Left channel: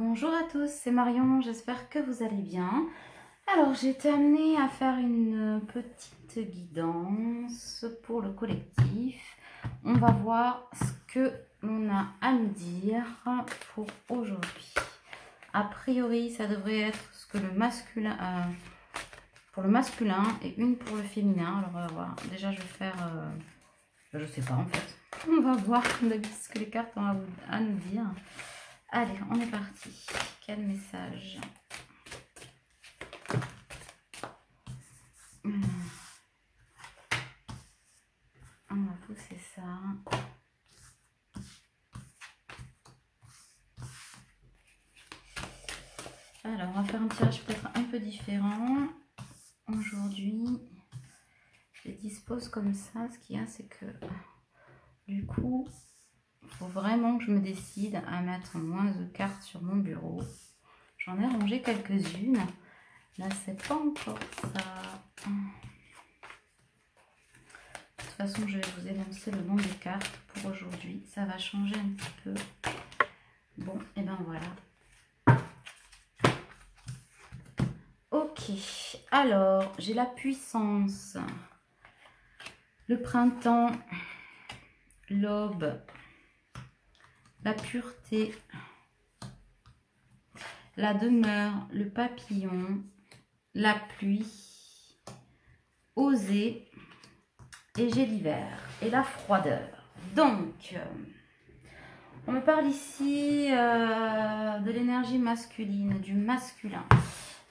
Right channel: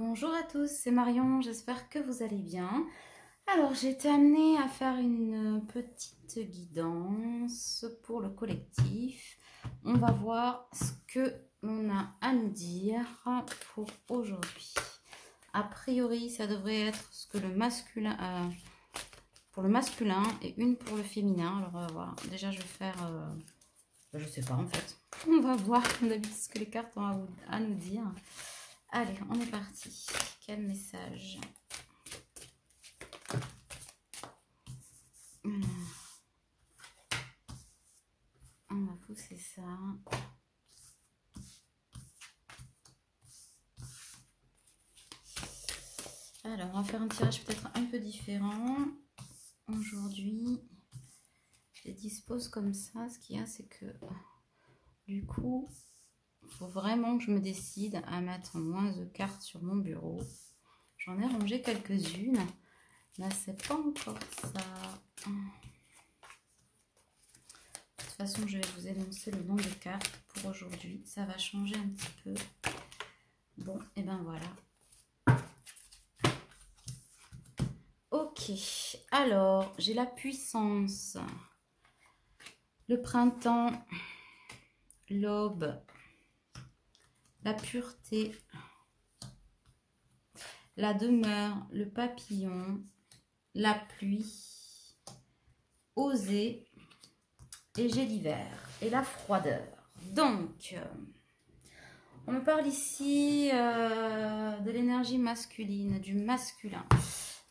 Bonjour à tous, c'est Marion, j'espère que vous allez bien. Alors j'ai été amenée à faire une petite guidance pour le collectif. On va voir ce que l'on a à nous dire pour aujourd'hui. A priori, ça devrait être ce que le masculin, pour le masculin et une pour le féminin. Alors voilà, déjà je vais faire, je sais pas en fait. On va voir d'habitude ce que les cartes ont à nous dire. Allez, on est parti. Quel message? On va pousser ça. Alors, on va faire un tirage peut-être un peu différent. Aujourd'hui, je les dispose comme ça. Ce qu'il y a, c'est que du coup, il faut vraiment que je me décide à mettre moins de cartes sur mon bureau. J'en ai rangé quelques-unes. Là, c'est pas encore ça. De toute façon, je vais vous énoncer le nombre de cartes pour aujourd'hui. Ça va changer un petit peu. Bon, et ben voilà. Ok, alors, j'ai la puissance, le printemps, l'aube, la pureté, la demeure, le papillon, la pluie, oser, et j'ai l'hiver et la froideur. Donc, on me parle ici de l'énergie masculine, du masculin.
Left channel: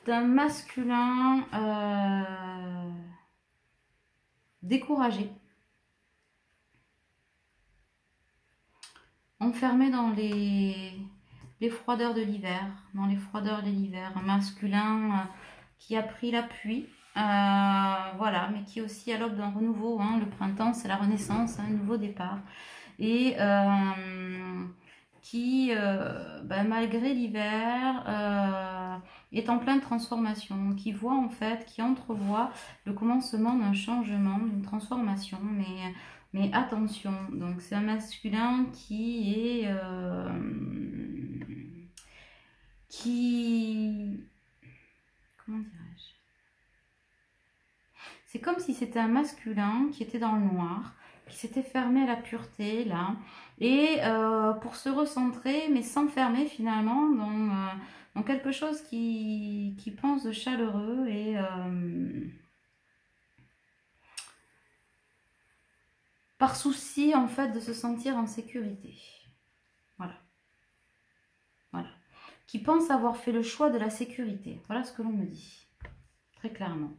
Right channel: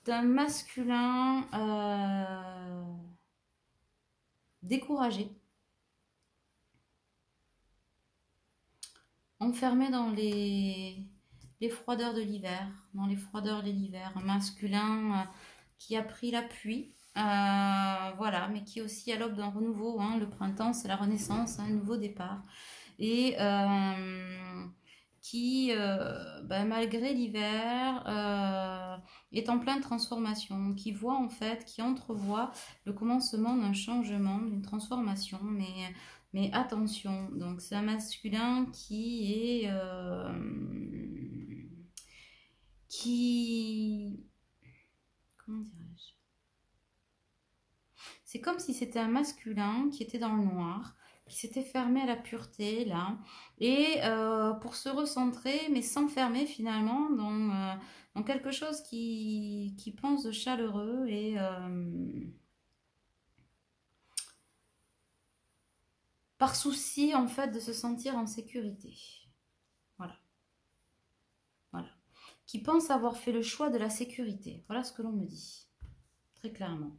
D'un masculin découragé, enfermé dans les froideurs de l'hiver, un masculin qui a pris l'appui, voilà, mais qui est aussi à l'aube d'un renouveau, hein. Le printemps, c'est la renaissance, un nouveau départ, et qui, malgré l'hiver, est en pleine transformation, qui voit en fait, qui entrevoit le commencement d'un changement, d'une transformation, mais attention, donc c'est un masculin qui est comment dirais-je, c'est comme si c'était un masculin qui était dans le noir, qui s'était fermé à la pureté là, et pour se recentrer, mais s'enfermer finalement dans quelque chose qui pense de chaleureux et par souci en fait de se sentir en sécurité. Voilà. Voilà. Qui pense avoir fait le choix de la sécurité. Voilà ce que l'on me dit. Très clairement.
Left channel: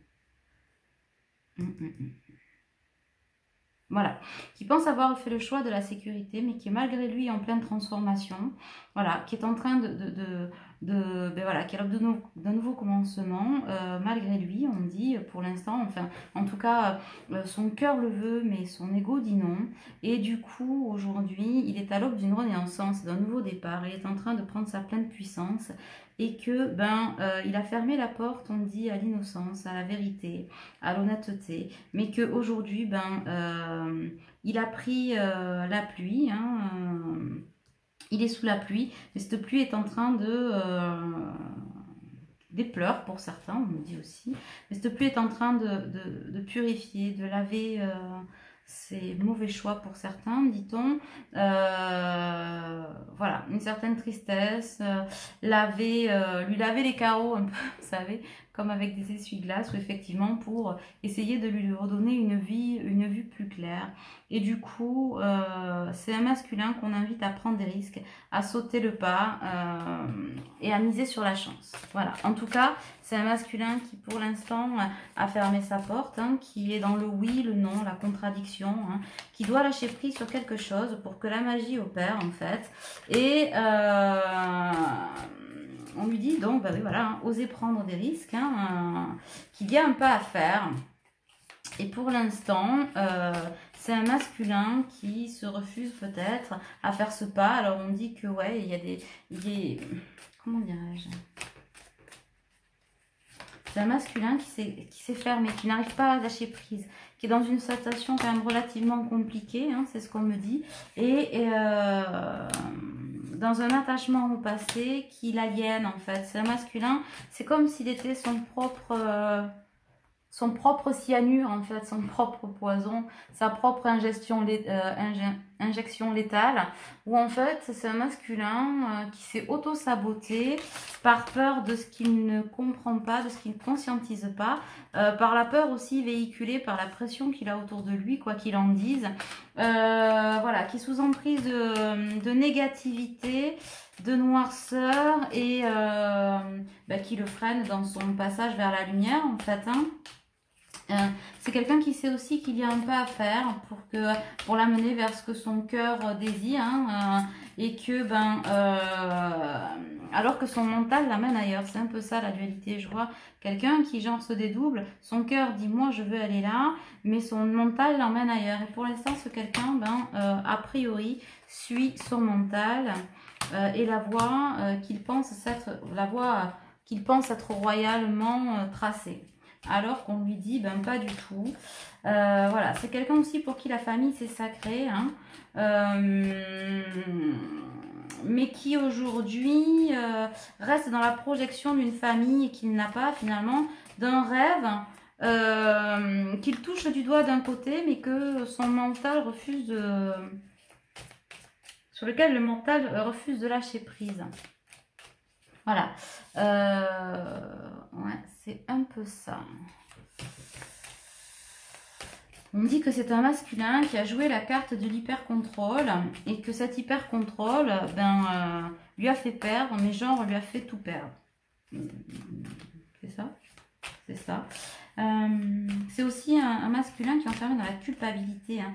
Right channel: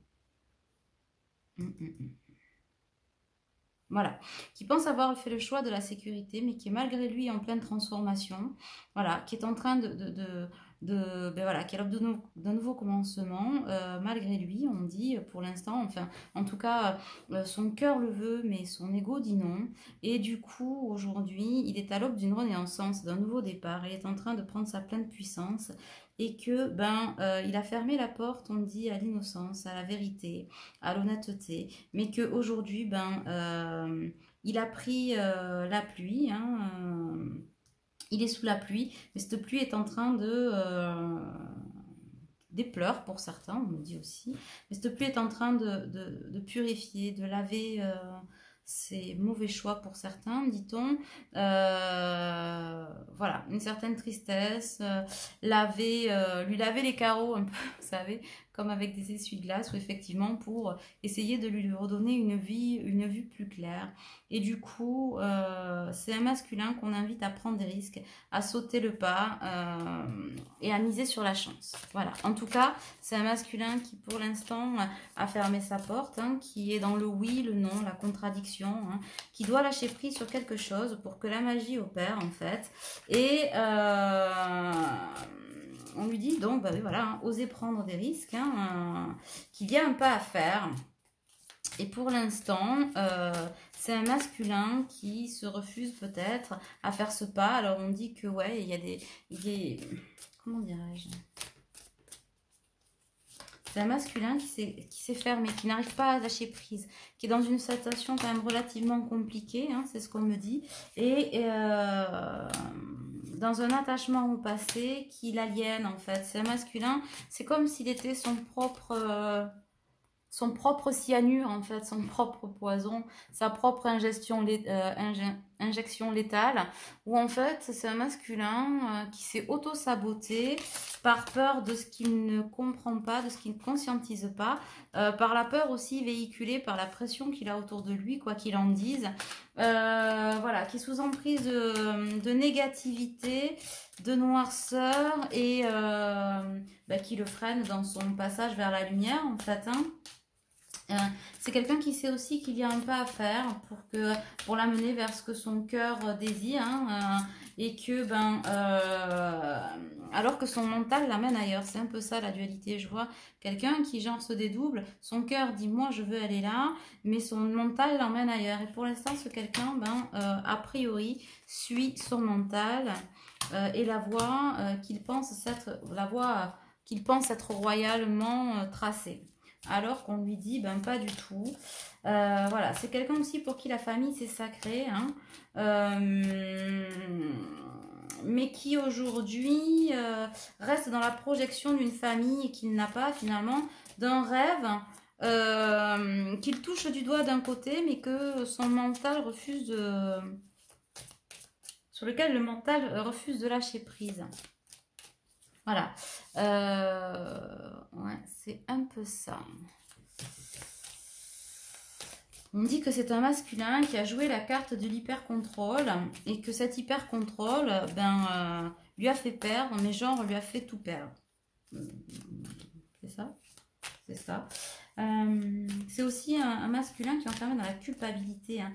Voilà, qui pense avoir fait le choix de la sécurité, mais qui est malgré lui en pleine transformation, voilà, qui est en train voilà, qui est à l'aube d'un nouveau commencement, malgré lui, on dit pour l'instant, enfin, en tout cas, son cœur le veut, mais son ego dit non, et du coup, aujourd'hui, il est à l'aube d'une renaissance, d'un nouveau départ, il est en train de prendre sa pleine puissance, et que, il a fermé la porte, on dit, à l'innocence, à la vérité, à l'honnêteté, mais qu'aujourd'hui, il a pris la pluie, hein, il est sous la pluie, mais cette pluie est en train des pleurs pour certains, on me dit aussi, mais cette pluie est en train de purifier, de laver ses mauvais choix pour certains, dit-on. Voilà, une certaine tristesse, lui laver les carreaux un peu, vous savez, comme avec des essuie-glaces, ou effectivement pour essayer de lui redonner une vue plus claire. Et du coup, c'est un masculin qu'on invite à prendre des risques, à sauter le pas et à miser sur la chance. Voilà, en tout cas, c'est un masculin qui pour l'instant a fermé sa porte, hein, qui est dans le oui, le non, la contradiction, hein, qui doit lâcher prise sur quelque chose pour que la magie opère en fait. Et on lui dit donc, oui, voilà, hein, oser prendre des risques, hein, qu'il y a un pas à faire. Et pour l'instant, c'est un masculin qui se refuse peut-être à faire ce pas. Alors on dit que ouais, il y a des comment dirais-je, c'est un masculin qui s'est fermé, qui n'arrive pas à lâcher prise, qui est dans une situation quand même relativement compliquée, hein, c'est ce qu'on me dit, et dans un attachement au passé qui l'aliène en fait. C'est un masculin, c'est comme s'il était son propre cyanure en fait, son propre poison, sa propre injection létale, où en fait c'est un masculin qui s'est auto-saboté par peur de ce qu'il ne comprend pas, de ce qu'il ne conscientise pas, par la peur aussi véhiculée par la pression qu'il a autour de lui, quoi qu'il en dise, voilà, qui est sous emprise de négativité, de noirceur et qui le freine dans son passage vers la lumière en fait, hein. C'est quelqu'un qui sait aussi qu'il y a un pas à faire pour l'amener vers ce que son cœur désire, hein, et que alors que son mental l'amène ailleurs. C'est un peu ça la dualité. Je vois quelqu'un qui genre se dédouble, son cœur dit moi je veux aller là, mais son mental l'emmène ailleurs. Et pour l'instant ce quelqu'un a priori suit son mental et la voie qu'il pense être royalement tracée. Alors qu'on lui dit, pas du tout. Voilà, c'est quelqu'un aussi pour qui la famille, c'est sacré. Hein. Mais qui aujourd'hui reste dans la projection d'une famille et qu'il n'a pas finalement, d'un rêve qu'il touche du doigt d'un côté, mais que son mental refuse de... sur lequel le mental refuse de lâcher prise. Voilà. Ouais, c'est un peu ça. On dit que c'est un masculin qui a joué la carte de l'hyper-contrôle et que cet hyper-contrôle lui a fait perdre, mais genre lui a fait tout perdre. C'est ça? C'est ça. C'est aussi un masculin qui est enfermé dans la culpabilité. Hein.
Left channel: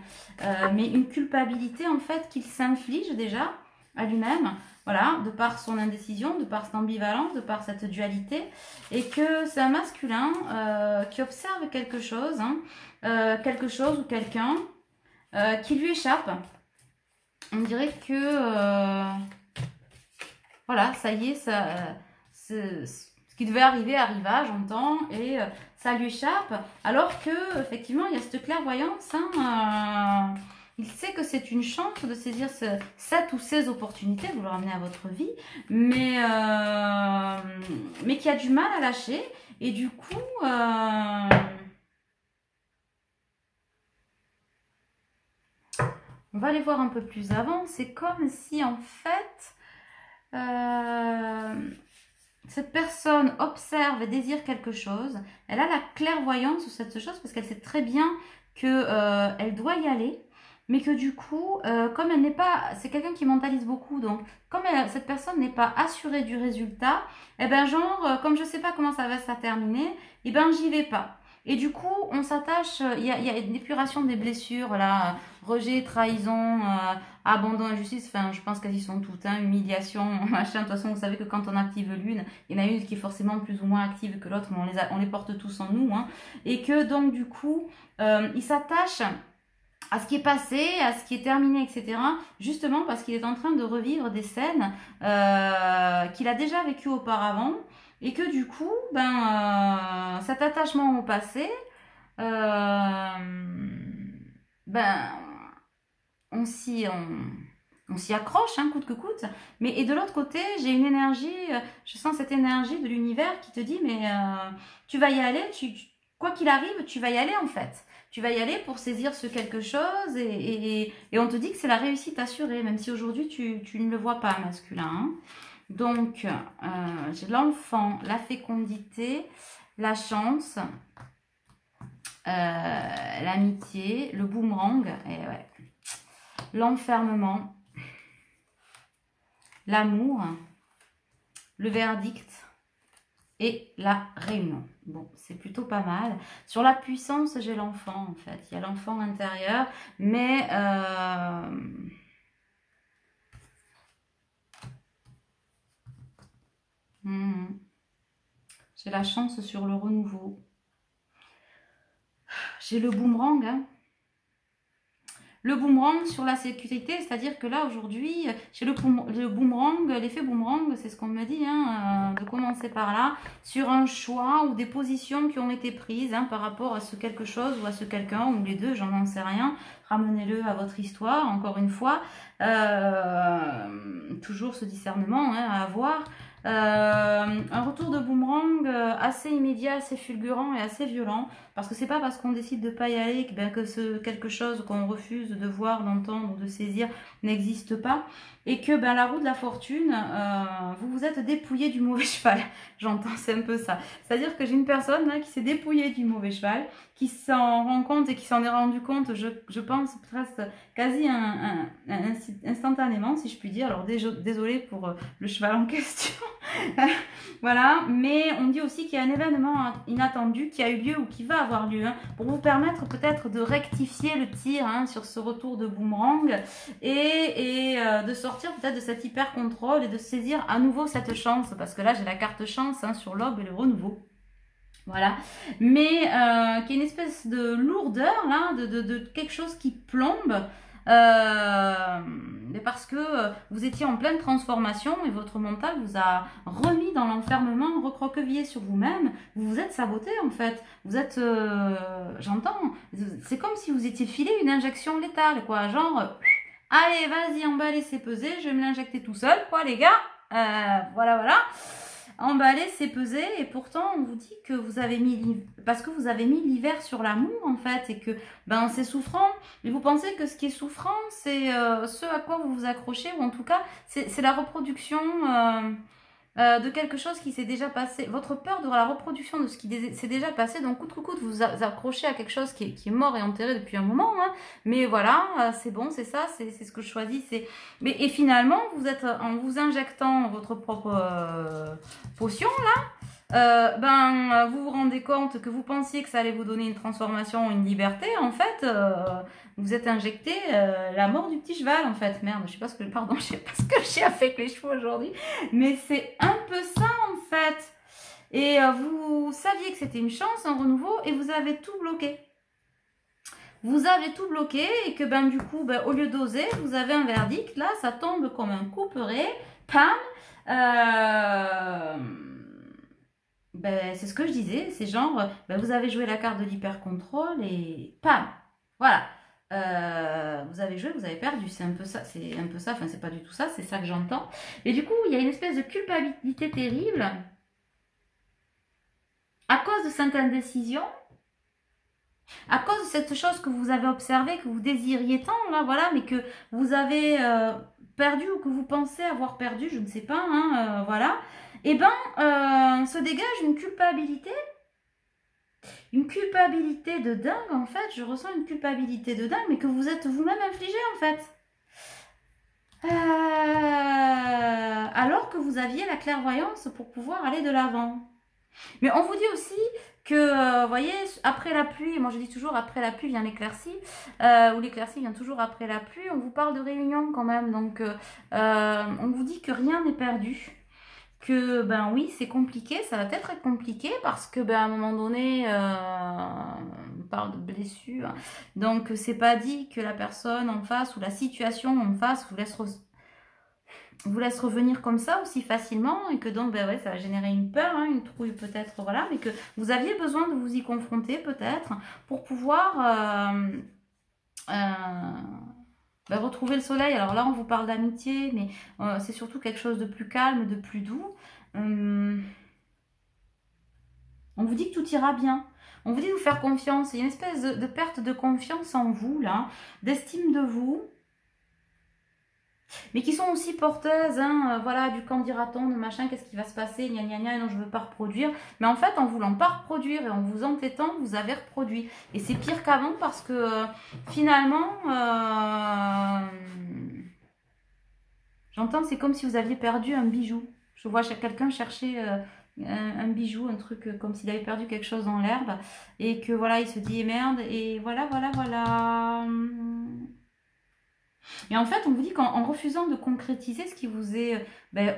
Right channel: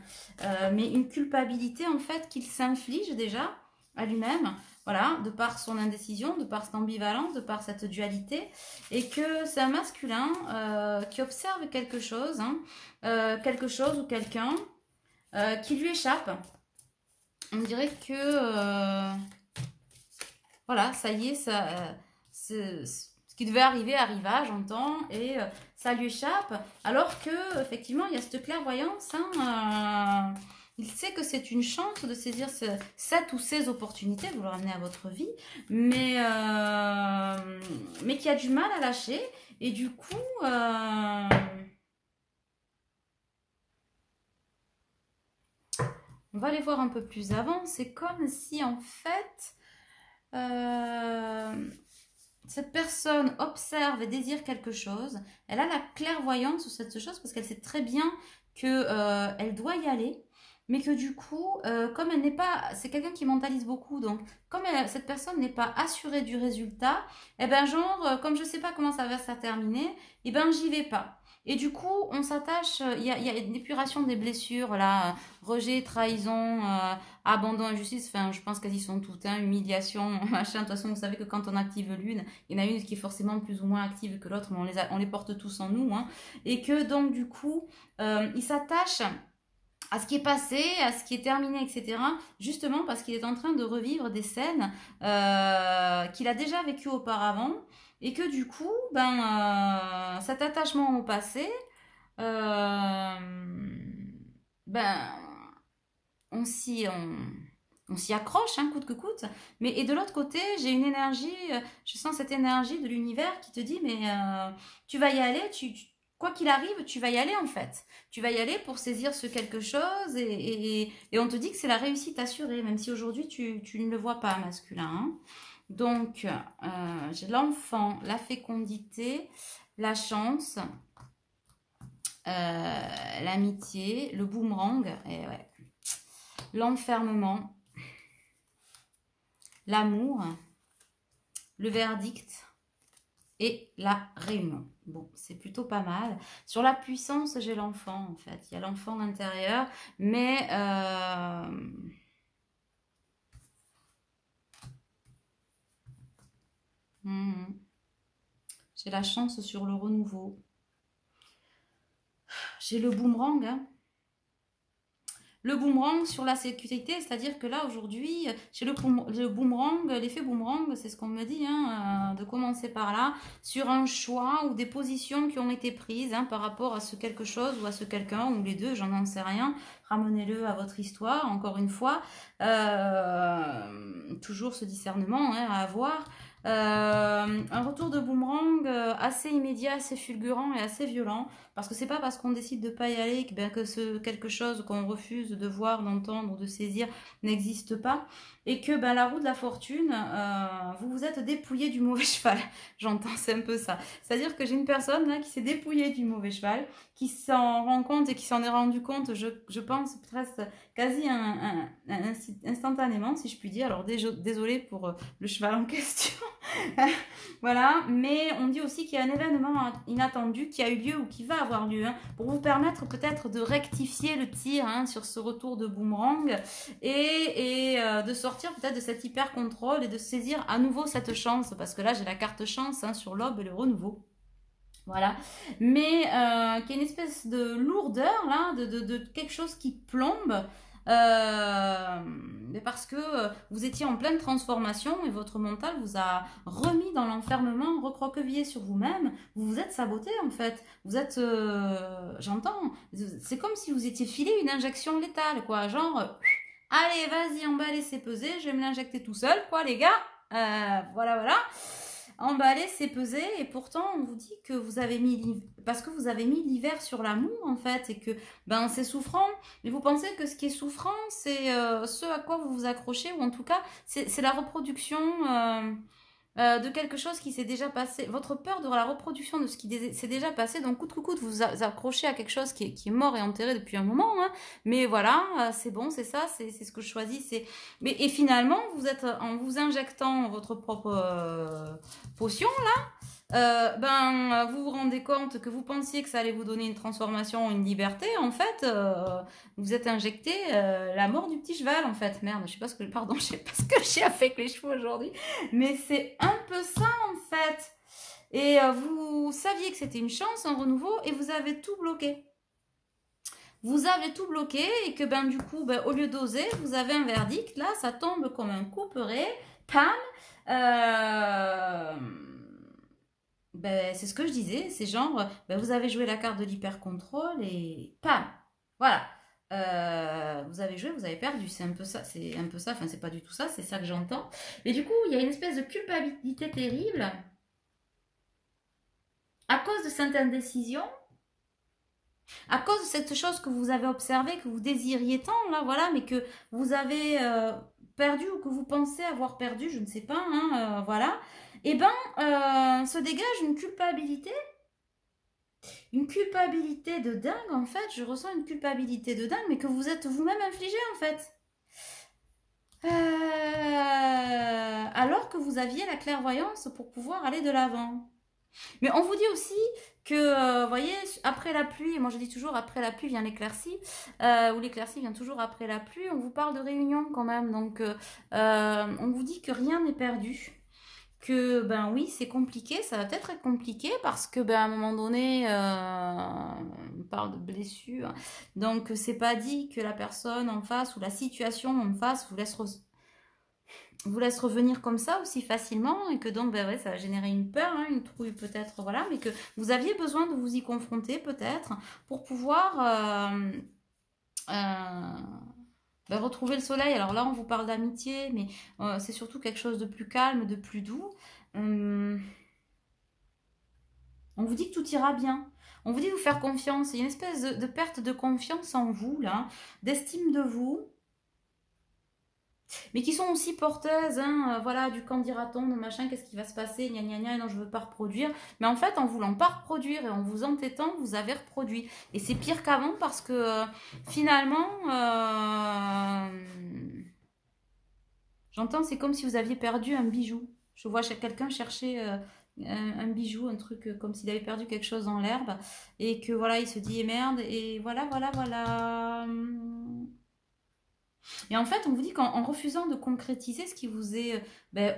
Mais une culpabilité en fait qu'il s'inflige déjà à lui-même. Voilà, de par son indécision, de par cette ambivalence, de par cette dualité. Et que c'est un masculin qui observe quelque chose, hein, quelque chose ou quelqu'un qui lui échappe. On dirait que, voilà, ça y est, ce qui devait arriver arriva, j'entends, et ça lui échappe. Alors que, effectivement, il y a cette clairvoyance, hein, il sait que c'est une chance de saisir cette ou ces opportunités, vous le ramenez à votre vie, mais qui a du mal à lâcher. Et du coup, on va aller voir un peu plus avant. C'est comme si, en fait, cette personne observe et désire quelque chose. Elle a la clairvoyance sur cette chose parce qu'elle sait très bien qu'elle doit y aller. Mais que du coup, comme elle n'est pas... C'est quelqu'un qui mentalise beaucoup, donc comme cette personne n'est pas assurée du résultat, eh ben genre, comme je ne sais pas comment ça va se terminer, eh ben j'y vais pas. Et du coup, on s'attache, il y a une épuration des blessures, là, rejet, trahison, abandon, injustice, enfin je pense qu'elles y sont toutes, hein, humiliation, machin. De toute façon, vous savez que quand on active l'une, il y en a une qui est forcément plus ou moins active que l'autre, mais on les porte tous en nous, hein. Et que donc du coup, il s'attache à ce qui est passé, à ce qui est terminé, etc. Justement parce qu'il est en train de revivre des scènes qu'il a déjà vécues auparavant et que du coup, cet attachement au passé, on s'y accroche, hein, coûte que coûte. Mais et de l'autre côté, j'ai une énergie, je sens cette énergie de l'univers qui te dit, mais tu vas y aller, quoi qu'il arrive, tu vas y aller en fait. Tu vas y aller pour saisir ce quelque chose et on te dit que c'est la réussite assurée, même si aujourd'hui tu ne le vois pas masculin. Hein. Donc, j'ai l'enfant, la fécondité, la chance, l'amitié, le boomerang, et ouais, l'enfermement, l'amour, le verdict et la réunion. Bon, c'est plutôt pas mal. Sur la puissance, j'ai l'enfant, en fait. Il y a l'enfant intérieur, mais... j'ai la chance sur le renouveau. J'ai le boomerang, hein. le boomerang sur la sécurité, c'est-à-dire que là aujourd'hui, chez le boomerang, l'effet boomerang, c'est ce qu'on me dit, hein, de commencer par là, sur un choix ou des positions qui ont été prises hein, par rapport à ce quelque chose ou à ce quelqu'un, ou les deux, j'en sais rien. Ramenez-le à votre histoire, encore une fois. Toujours ce discernement hein, à avoir. Un retour de boomerang assez immédiat, assez fulgurant et assez violent, parce que c'est pas parce qu'on décide de pas y aller que ce quelque chose qu'on refuse de voir, d'entendre, de saisir n'existe pas, et que la roue de la fortune, vous vous êtes dépouillé du mauvais cheval. J'entends, c'est un peu ça. C'est-à-dire que j'ai une personne là qui s'est dépouillée du mauvais cheval, qui s'en rend compte et qui s'en est rendu compte, je pense presque quasi instantanément, si je puis dire. Alors désolée pour le cheval en question. Voilà, mais on dit aussi qu'il y a un événement inattendu qui a eu lieu ou qui va avoir lieu hein, pour vous permettre peut-être de rectifier le tir hein, sur ce retour de boomerang et de sortir peut-être de cet hyper contrôle et de saisir à nouveau cette chance, parce que là j'ai la carte chance hein, sur l'aube et le renouveau. Voilà, mais qui est une espèce de lourdeur là, de quelque chose qui plombe. Mais parce que vous étiez en pleine transformation et votre mental vous a remis dans l'enfermement, recroquevillé sur vous-même, vous vous êtes saboté en fait, vous êtes, j'entends, c'est comme si vous étiez filé une injection létale quoi, genre, allez vas-y emballez c'est pesé, je vais me l'injecter tout seul quoi les gars, voilà. Emballer, c'est peser, et pourtant on vous dit que vous avez mis, parce que vous avez mis l'hiver sur l'amour en fait, et que c'est souffrant, et vous pensez que ce qui est souffrant, c'est ce à quoi vous vous accrochez, ou en tout cas, c'est la reproduction de quelque chose qui s'est déjà passé, votre peur de la reproduction de ce qui s'est déjà passé, donc coûte que coûte, vous vous accrochez à quelque chose qui est mort et enterré depuis un moment, hein. Mais voilà, c'est bon, c'est ça, c'est ce que je choisis, et finalement, vous êtes, en vous injectant votre propre potion, vous vous rendez compte que vous pensiez que ça allait vous donner une transformation, une liberté, en fait, vous êtes injecté la mort du petit cheval, en fait. Merde, je sais pas ce que j'ai fait avec les chevaux aujourd'hui, mais c'est un peu ça, en fait. Et vous saviez que c'était une chance, un renouveau, et vous avez tout bloqué. Vous avez tout bloqué, et que du coup, au lieu d'oser, vous avez un verdict, là, ça tombe comme un couperet, pam, c'est ce que je disais, c'est genre, vous avez joué la carte de l'hyper-contrôle et pam, voilà. Vous avez joué, vous avez perdu, c'est un peu ça, enfin c'est pas du tout ça, c'est ça que j'entends. Et du coup, il y a une espèce de culpabilité terrible à cause de cette indécision, à cause de cette chose que vous avez observée, que vous désiriez tant, là, voilà, mais que vous avez perdu ou que vous pensez avoir perdu, je ne sais pas, hein, voilà. Et se dégage une culpabilité de dingue, en fait. Je ressens une culpabilité de dingue, mais que vous êtes vous-même infligé, en fait. Alors que vous aviez la clairvoyance pour pouvoir aller de l'avant. Mais on vous dit aussi que, vous voyez, après la pluie, moi je dis toujours après la pluie vient l'éclaircie, ou l'éclaircie vient toujours après la pluie, on vous parle de réunion quand même, donc on vous dit que rien n'est perdu. Que oui c'est compliqué, ça va peut-être être compliqué parce que à un moment donné on parle de blessure, donc c'est pas dit que la personne en face ou la situation en face vous laisse revenir comme ça aussi facilement, et que donc ça va générer une peur, hein, une trouille peut-être, voilà, mais que vous aviez besoin de vous y confronter peut-être pour pouvoir retrouver le soleil. Alors là on vous parle d'amitié, mais c'est surtout quelque chose de plus calme, de plus doux. On vous dit que tout ira bien, on vous dit de vous faire confiance. Il y a une espèce de perte de confiance en vous là, d'estime de vous, mais qui sont aussi porteuses hein, voilà, du quand dira-t-on, de machin, qu'est-ce qui va se passer, gna gna gna, non je veux pas reproduire, mais en fait en voulant pas reproduire et en vous entêtant vous avez reproduit, et c'est pire qu'avant parce que finalement j'entends, c'est comme si vous aviez perdu un bijou. Je vois quelqu'un chercher un bijou, un truc comme s'il avait perdu quelque chose dans l'herbe, et que voilà il se dit merde, et voilà. Et en fait, on vous dit qu'en refusant de concrétiser ce qui vous est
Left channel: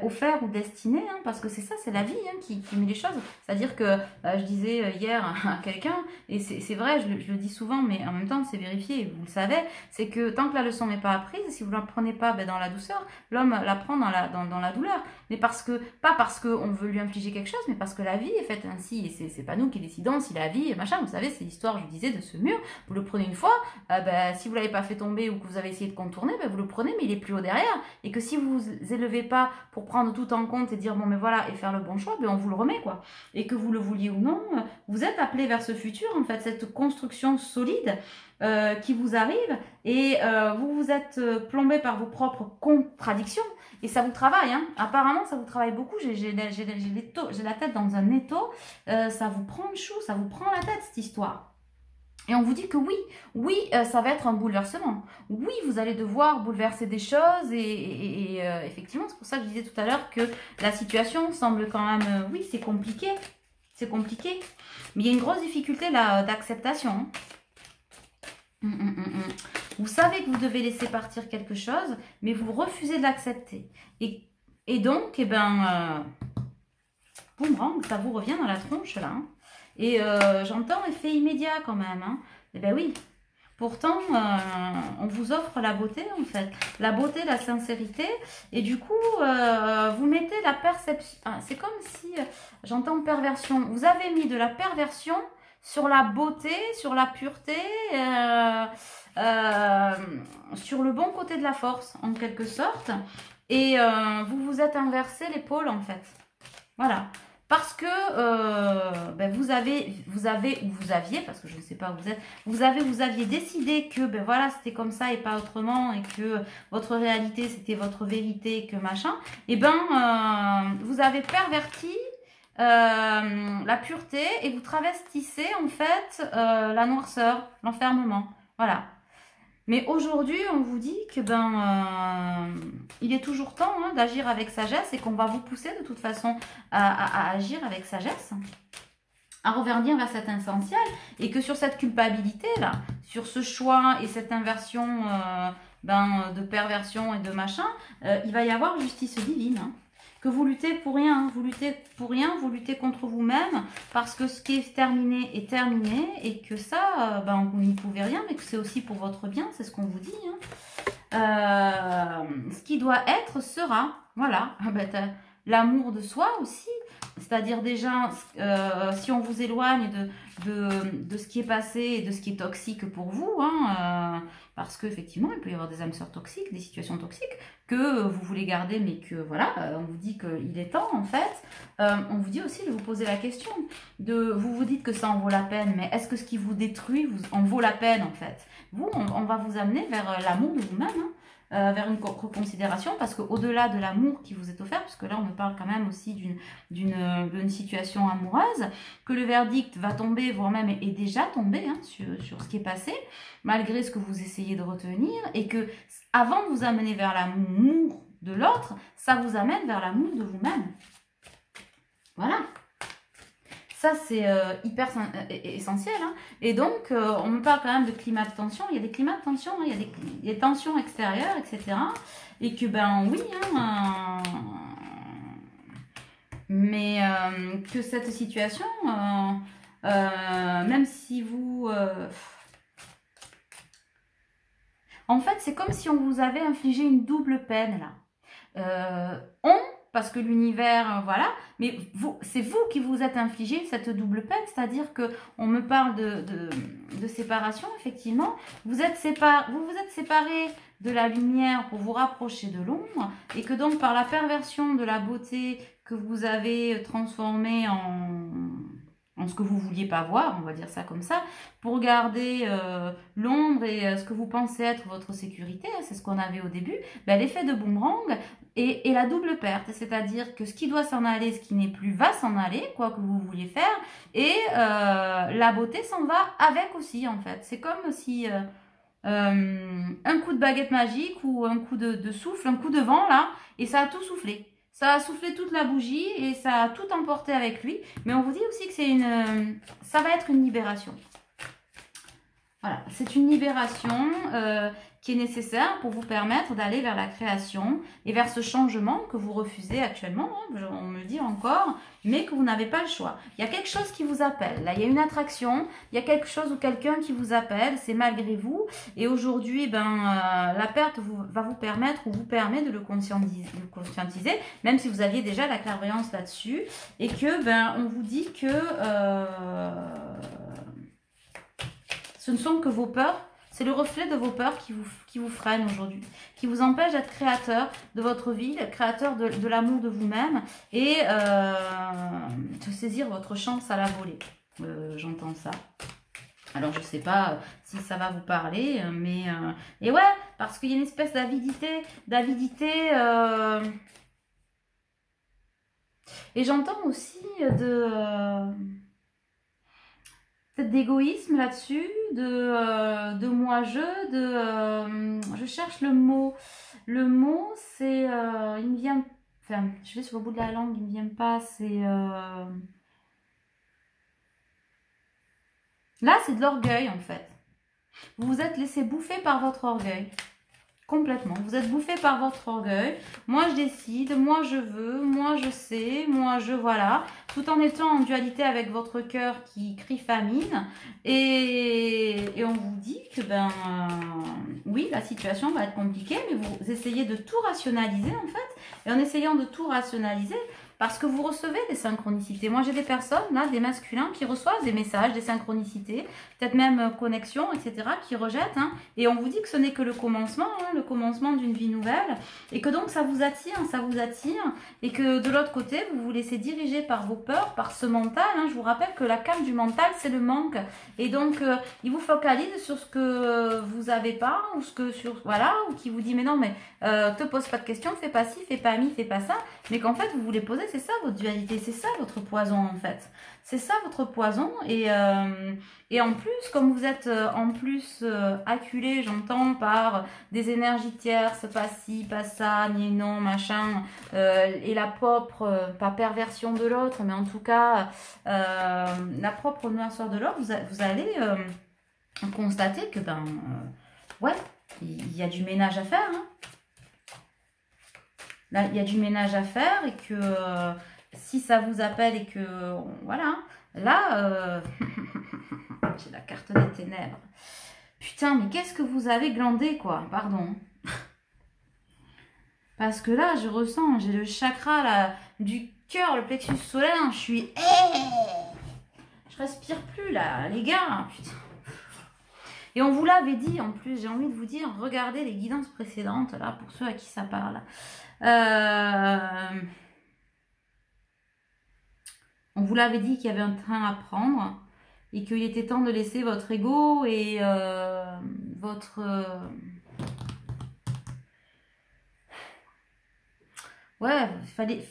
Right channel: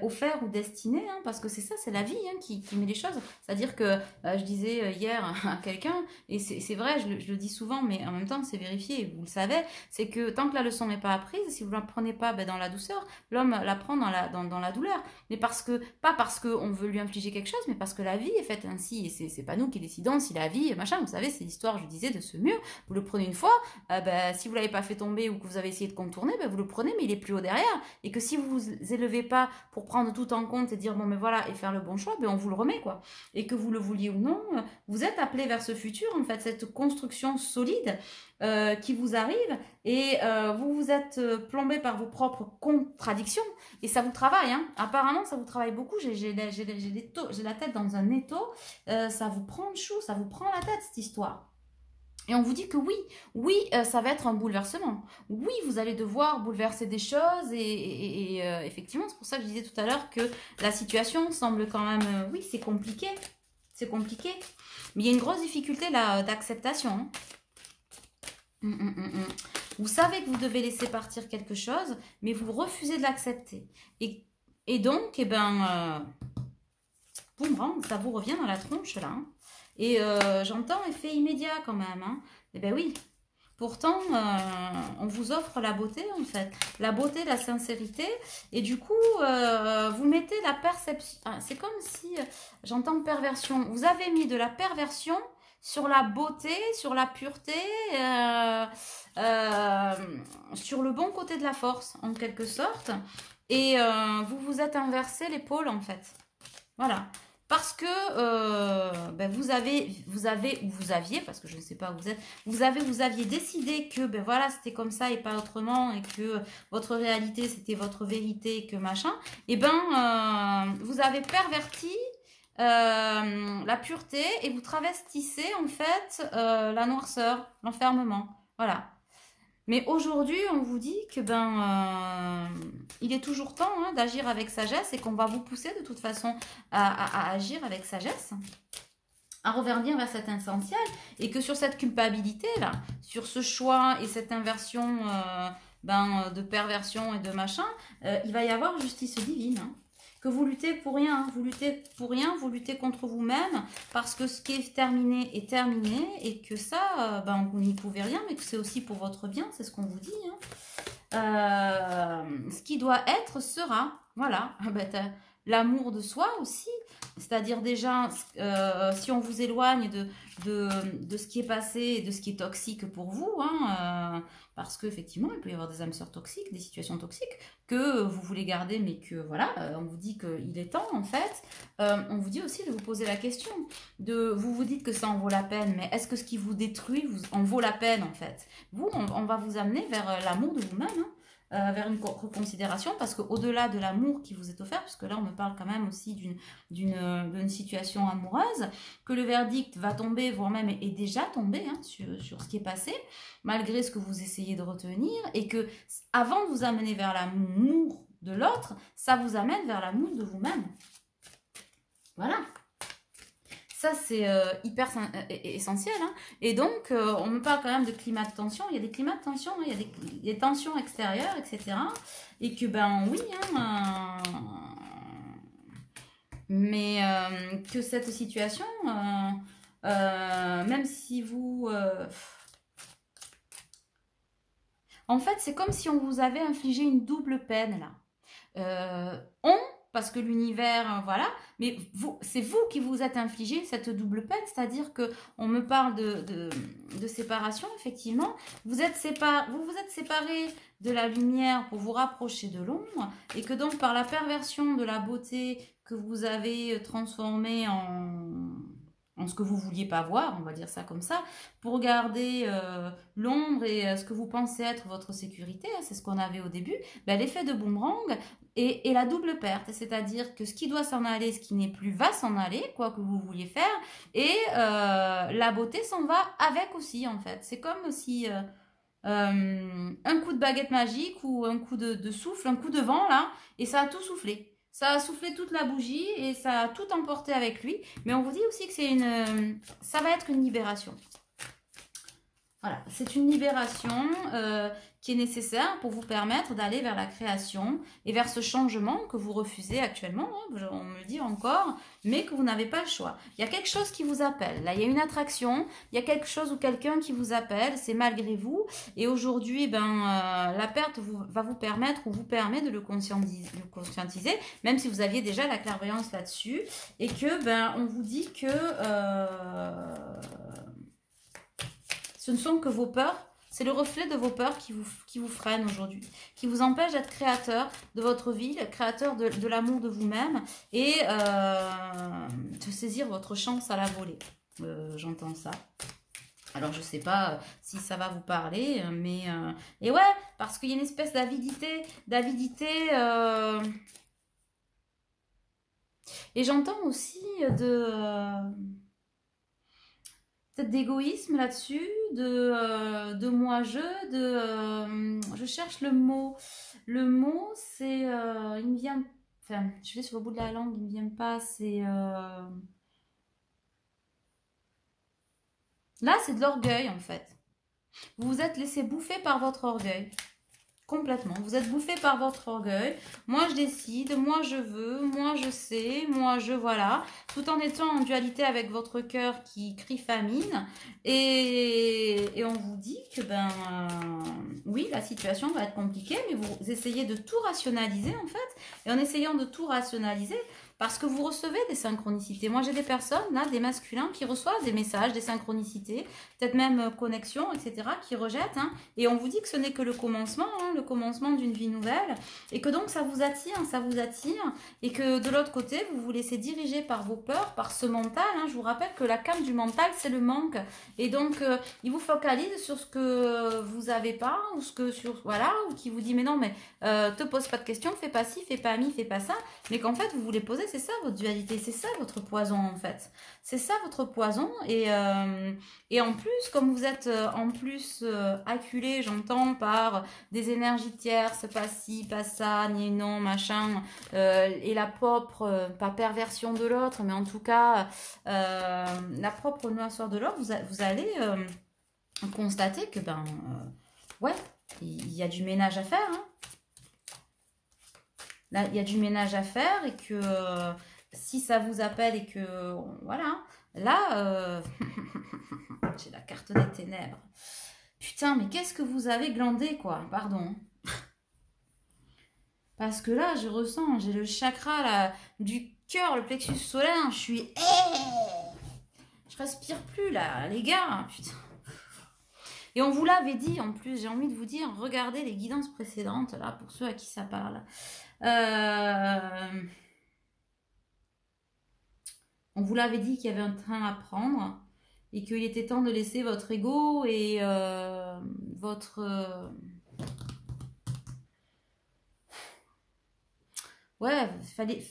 offert ou destiné, hein, parce que c'est ça, c'est la vie hein, qui met les choses. C'est-à-dire que je disais hier à quelqu'un, et c'est vrai, je le dis souvent, mais en même temps, c'est vérifié, et vous le savez, c'est que tant que la leçon n'est pas apprise, si vous ne la prenez pas dans la douceur, l'homme la prend dans la douleur. Mais pas parce qu'on veut lui infliger quelque chose, mais parce que la vie est faite ainsi. Et c'est pas nous qui décidons si la vie, machin, vous savez, c'est l'histoire, je disais, de ce mur. Vous le prenez une fois, si vous ne l'avez pas fait tomber ou que vous avez essayé de contourner, vous le prenez, mais il est plus haut derrière. Et que si vous vous élevez pas pour prendre tout en compte et dire bon mais voilà et faire le bon choix, on vous le remet quoi. Et que vous le vouliez ou non, vous êtes appelé vers ce futur en fait, cette construction solide qui vous arrive et vous vous êtes plombé par vos propres contradictions et ça vous travaille. Hein. Apparemment ça vous travaille beaucoup. J'ai la tête dans un étau, ça vous prend le chou, ça vous prend la tête cette histoire. Et on vous dit que oui, ça va être un bouleversement. Oui, vous allez devoir bouleverser des choses et effectivement, c'est pour ça que je disais tout à l'heure que la situation semble quand même, oui, c'est compliqué, mais il y a une grosse difficulté là d'acceptation. Vous savez que vous devez laisser partir quelque chose, mais vous refusez de l'accepter. Et donc, boomerang, ça vous revient dans la tronche là. Hein. Et j'entends effet immédiat quand même. Hein. Eh bien oui, pourtant, on vous offre la beauté en fait. La beauté, la sincérité. Et du coup, vous mettez la perception. Ah, c'est comme si, j'entends perversion. Vous avez mis de la perversion sur la beauté, sur la pureté, sur le bon côté de la force en quelque sorte. Et vous vous êtes inversé les pôles en fait. Voilà. Parce que vous aviez, parce que je ne sais pas où vous êtes, vous aviez décidé que voilà, c'était comme ça et pas autrement, et que votre réalité c'était votre vérité, et que machin, et vous avez perverti la pureté et vous travestissez en fait la noirceur, l'enfermement. Voilà. Mais aujourd'hui, on vous dit que il est toujours temps hein, d'agir avec sagesse et qu'on va vous pousser de toute façon à agir avec sagesse, à revenir vers cet essentiel et que sur cette culpabilité là, sur ce choix et cette inversion de perversion et de machin, il va y avoir justice divine. Hein. Que vous luttez pour rien, vous vous luttez contre vous-même parce que ce qui est terminé et que ça, vous n'y pouvez rien, mais que c'est aussi pour votre bien, c'est ce qu'on vous dit. Hein. Ce qui doit être sera, voilà, l'amour de soi aussi, c'est-à-dire déjà, si on vous éloigne de ce qui est passé et de ce qui est toxique pour vous, hein, parce qu'effectivement, il peut y avoir des âmes sœurs toxiques, des situations toxiques, que vous voulez garder, mais que voilà, on vous dit qu'il est temps en fait. On vous dit aussi de vous poser la question, vous vous dites que ça en vaut la peine, mais est-ce que ce qui vous détruit en vaut la peine en fait? Vous, on va vous amener vers l'amour de vous-même, hein, vers une reconsidération, parce qu'au-delà de l'amour qui vous est offert, parce que là on me parle quand même aussi d'une situation amoureuse, que le verdict va tomber, voire même est déjà tombé hein, sur ce qui est passé, malgré ce que vous essayez de retenir, et que avant de vous amener vers l'amour de l'autre, ça vous amène vers l'amour de vous-même. Voilà. Ça, c'est hyper essentiel. Hein. Et donc, on me parle quand même de climat de tension. Il y a des climats de tension, hein. Il y a des tensions extérieures, etc. Et que, oui, hein, mais que cette situation, même si vous... en fait, c'est comme si on vous avait infligé une double peine, là. Parce que l'univers, voilà, mais c'est vous qui vous êtes infligé cette double peine, c'est-à-dire qu'on me parle de séparation, effectivement. Vous vous êtes séparés de la lumière pour vous rapprocher de l'ombre, et que donc par la perversion de la beauté que vous avez transformée en ce que vous ne vouliez pas voir, on va dire ça comme ça, pour garder l'ombre et ce que vous pensez être votre sécurité, hein, c'est ce qu'on avait au début, l'effet de boomerang et la double perte, c'est-à-dire que ce qui doit s'en aller, ce qui n'est plus va s'en aller, quoi que vous vouliez faire, et la beauté s'en va avec aussi en fait. C'est comme si un coup de baguette magique ou un coup de souffle, un coup de vent là, et ça a tout soufflé. Ça a soufflé toute la bougie et ça a tout emporté avec lui. Mais on vous dit aussi que ça va être une libération. Voilà, c'est une libération qui est nécessaire pour vous permettre d'aller vers la création et vers ce changement que vous refusez actuellement, hein, on me le dit encore, mais que vous n'avez pas le choix. Il y a quelque chose qui vous appelle, là il y a une attraction, il y a quelque chose ou quelqu'un qui vous appelle, c'est malgré vous, et aujourd'hui la perte va vous permettre ou vous permet de le conscientiser, même si vous aviez déjà la clairvoyance là-dessus, et que on vous dit que ce ne sont que vos peurs, c'est le reflet de vos peurs qui vous freinent aujourd'hui, qui vous empêche d'être créateur de votre vie, créateur de l'amour de vous-même et de saisir votre chance à la volée. J'entends ça. Alors, je ne sais pas si ça va vous parler, mais... et ouais, parce qu'il y a une espèce d'avidité, et j'entends aussi peut-être d'égoïsme là-dessus, de moi-je, je cherche le mot. Le mot, c'est, il me vient, enfin, je vais sur le bout de la langue, il me vient pas, c'est, là, c'est de l'orgueil, en fait. Vous vous êtes laissé bouffer par votre orgueil. Complètement. Vous êtes bouffé par votre orgueil. Moi, je décide. Moi, je veux. Moi, je sais. Moi, je voilà. Tout en étant en dualité avec votre cœur qui crie famine. Et on vous dit que, oui, la situation va être compliquée, mais vous essayez de tout rationaliser, en fait. Et en essayant de tout rationaliser, parce que vous recevez des synchronicités. Moi, j'ai des personnes, là, des masculins, qui reçoivent des messages, des synchronicités, peut-être même connexions, etc., qui rejettent. Hein, et on vous dit que ce n'est que le commencement d'une vie nouvelle. Et que donc, ça vous attire. Et que de l'autre côté, vous vous laissez diriger par vos peurs, par ce mental. Hein. Je vous rappelle que la carte du mental, c'est le manque. Et donc, il vous focalise sur ce que vous n'avez pas, ou ce que voilà, ou qui vous dit, mais non, mais te pose pas de questions, fais pas ci, fais pas mi, fais pas ça. Mais qu'en fait, vous voulez poser, c'est ça votre dualité, c'est ça votre poison en fait. C'est ça votre poison et en plus, comme vous êtes acculé, j'entends, par des énergies tierces, pas ci, pas ça, ni non, machin, et la propre, pas perversion de l'autre, mais en tout cas, la propre noirceur de l'autre, vous allez constater que, ouais, il y a du ménage à faire, hein. Là, il y a du ménage à faire et que si ça vous appelle et que, voilà, là, j'ai la carte des ténèbres. Putain, mais qu'est-ce que vous avez glandé, quoi, pardon. Parce que là, je ressens, j'ai le chakra là, du cœur, le plexus solaire, je suis... Je respire plus, là, les gars, putain. Et on vous l'avait dit, en plus, j'ai envie de vous dire, regardez les guidances précédentes, là, pour ceux à qui ça parle. On vous l'avait dit qu'il y avait un train à prendre et qu'il était temps de laisser votre ego et votre... Ouais, fallait.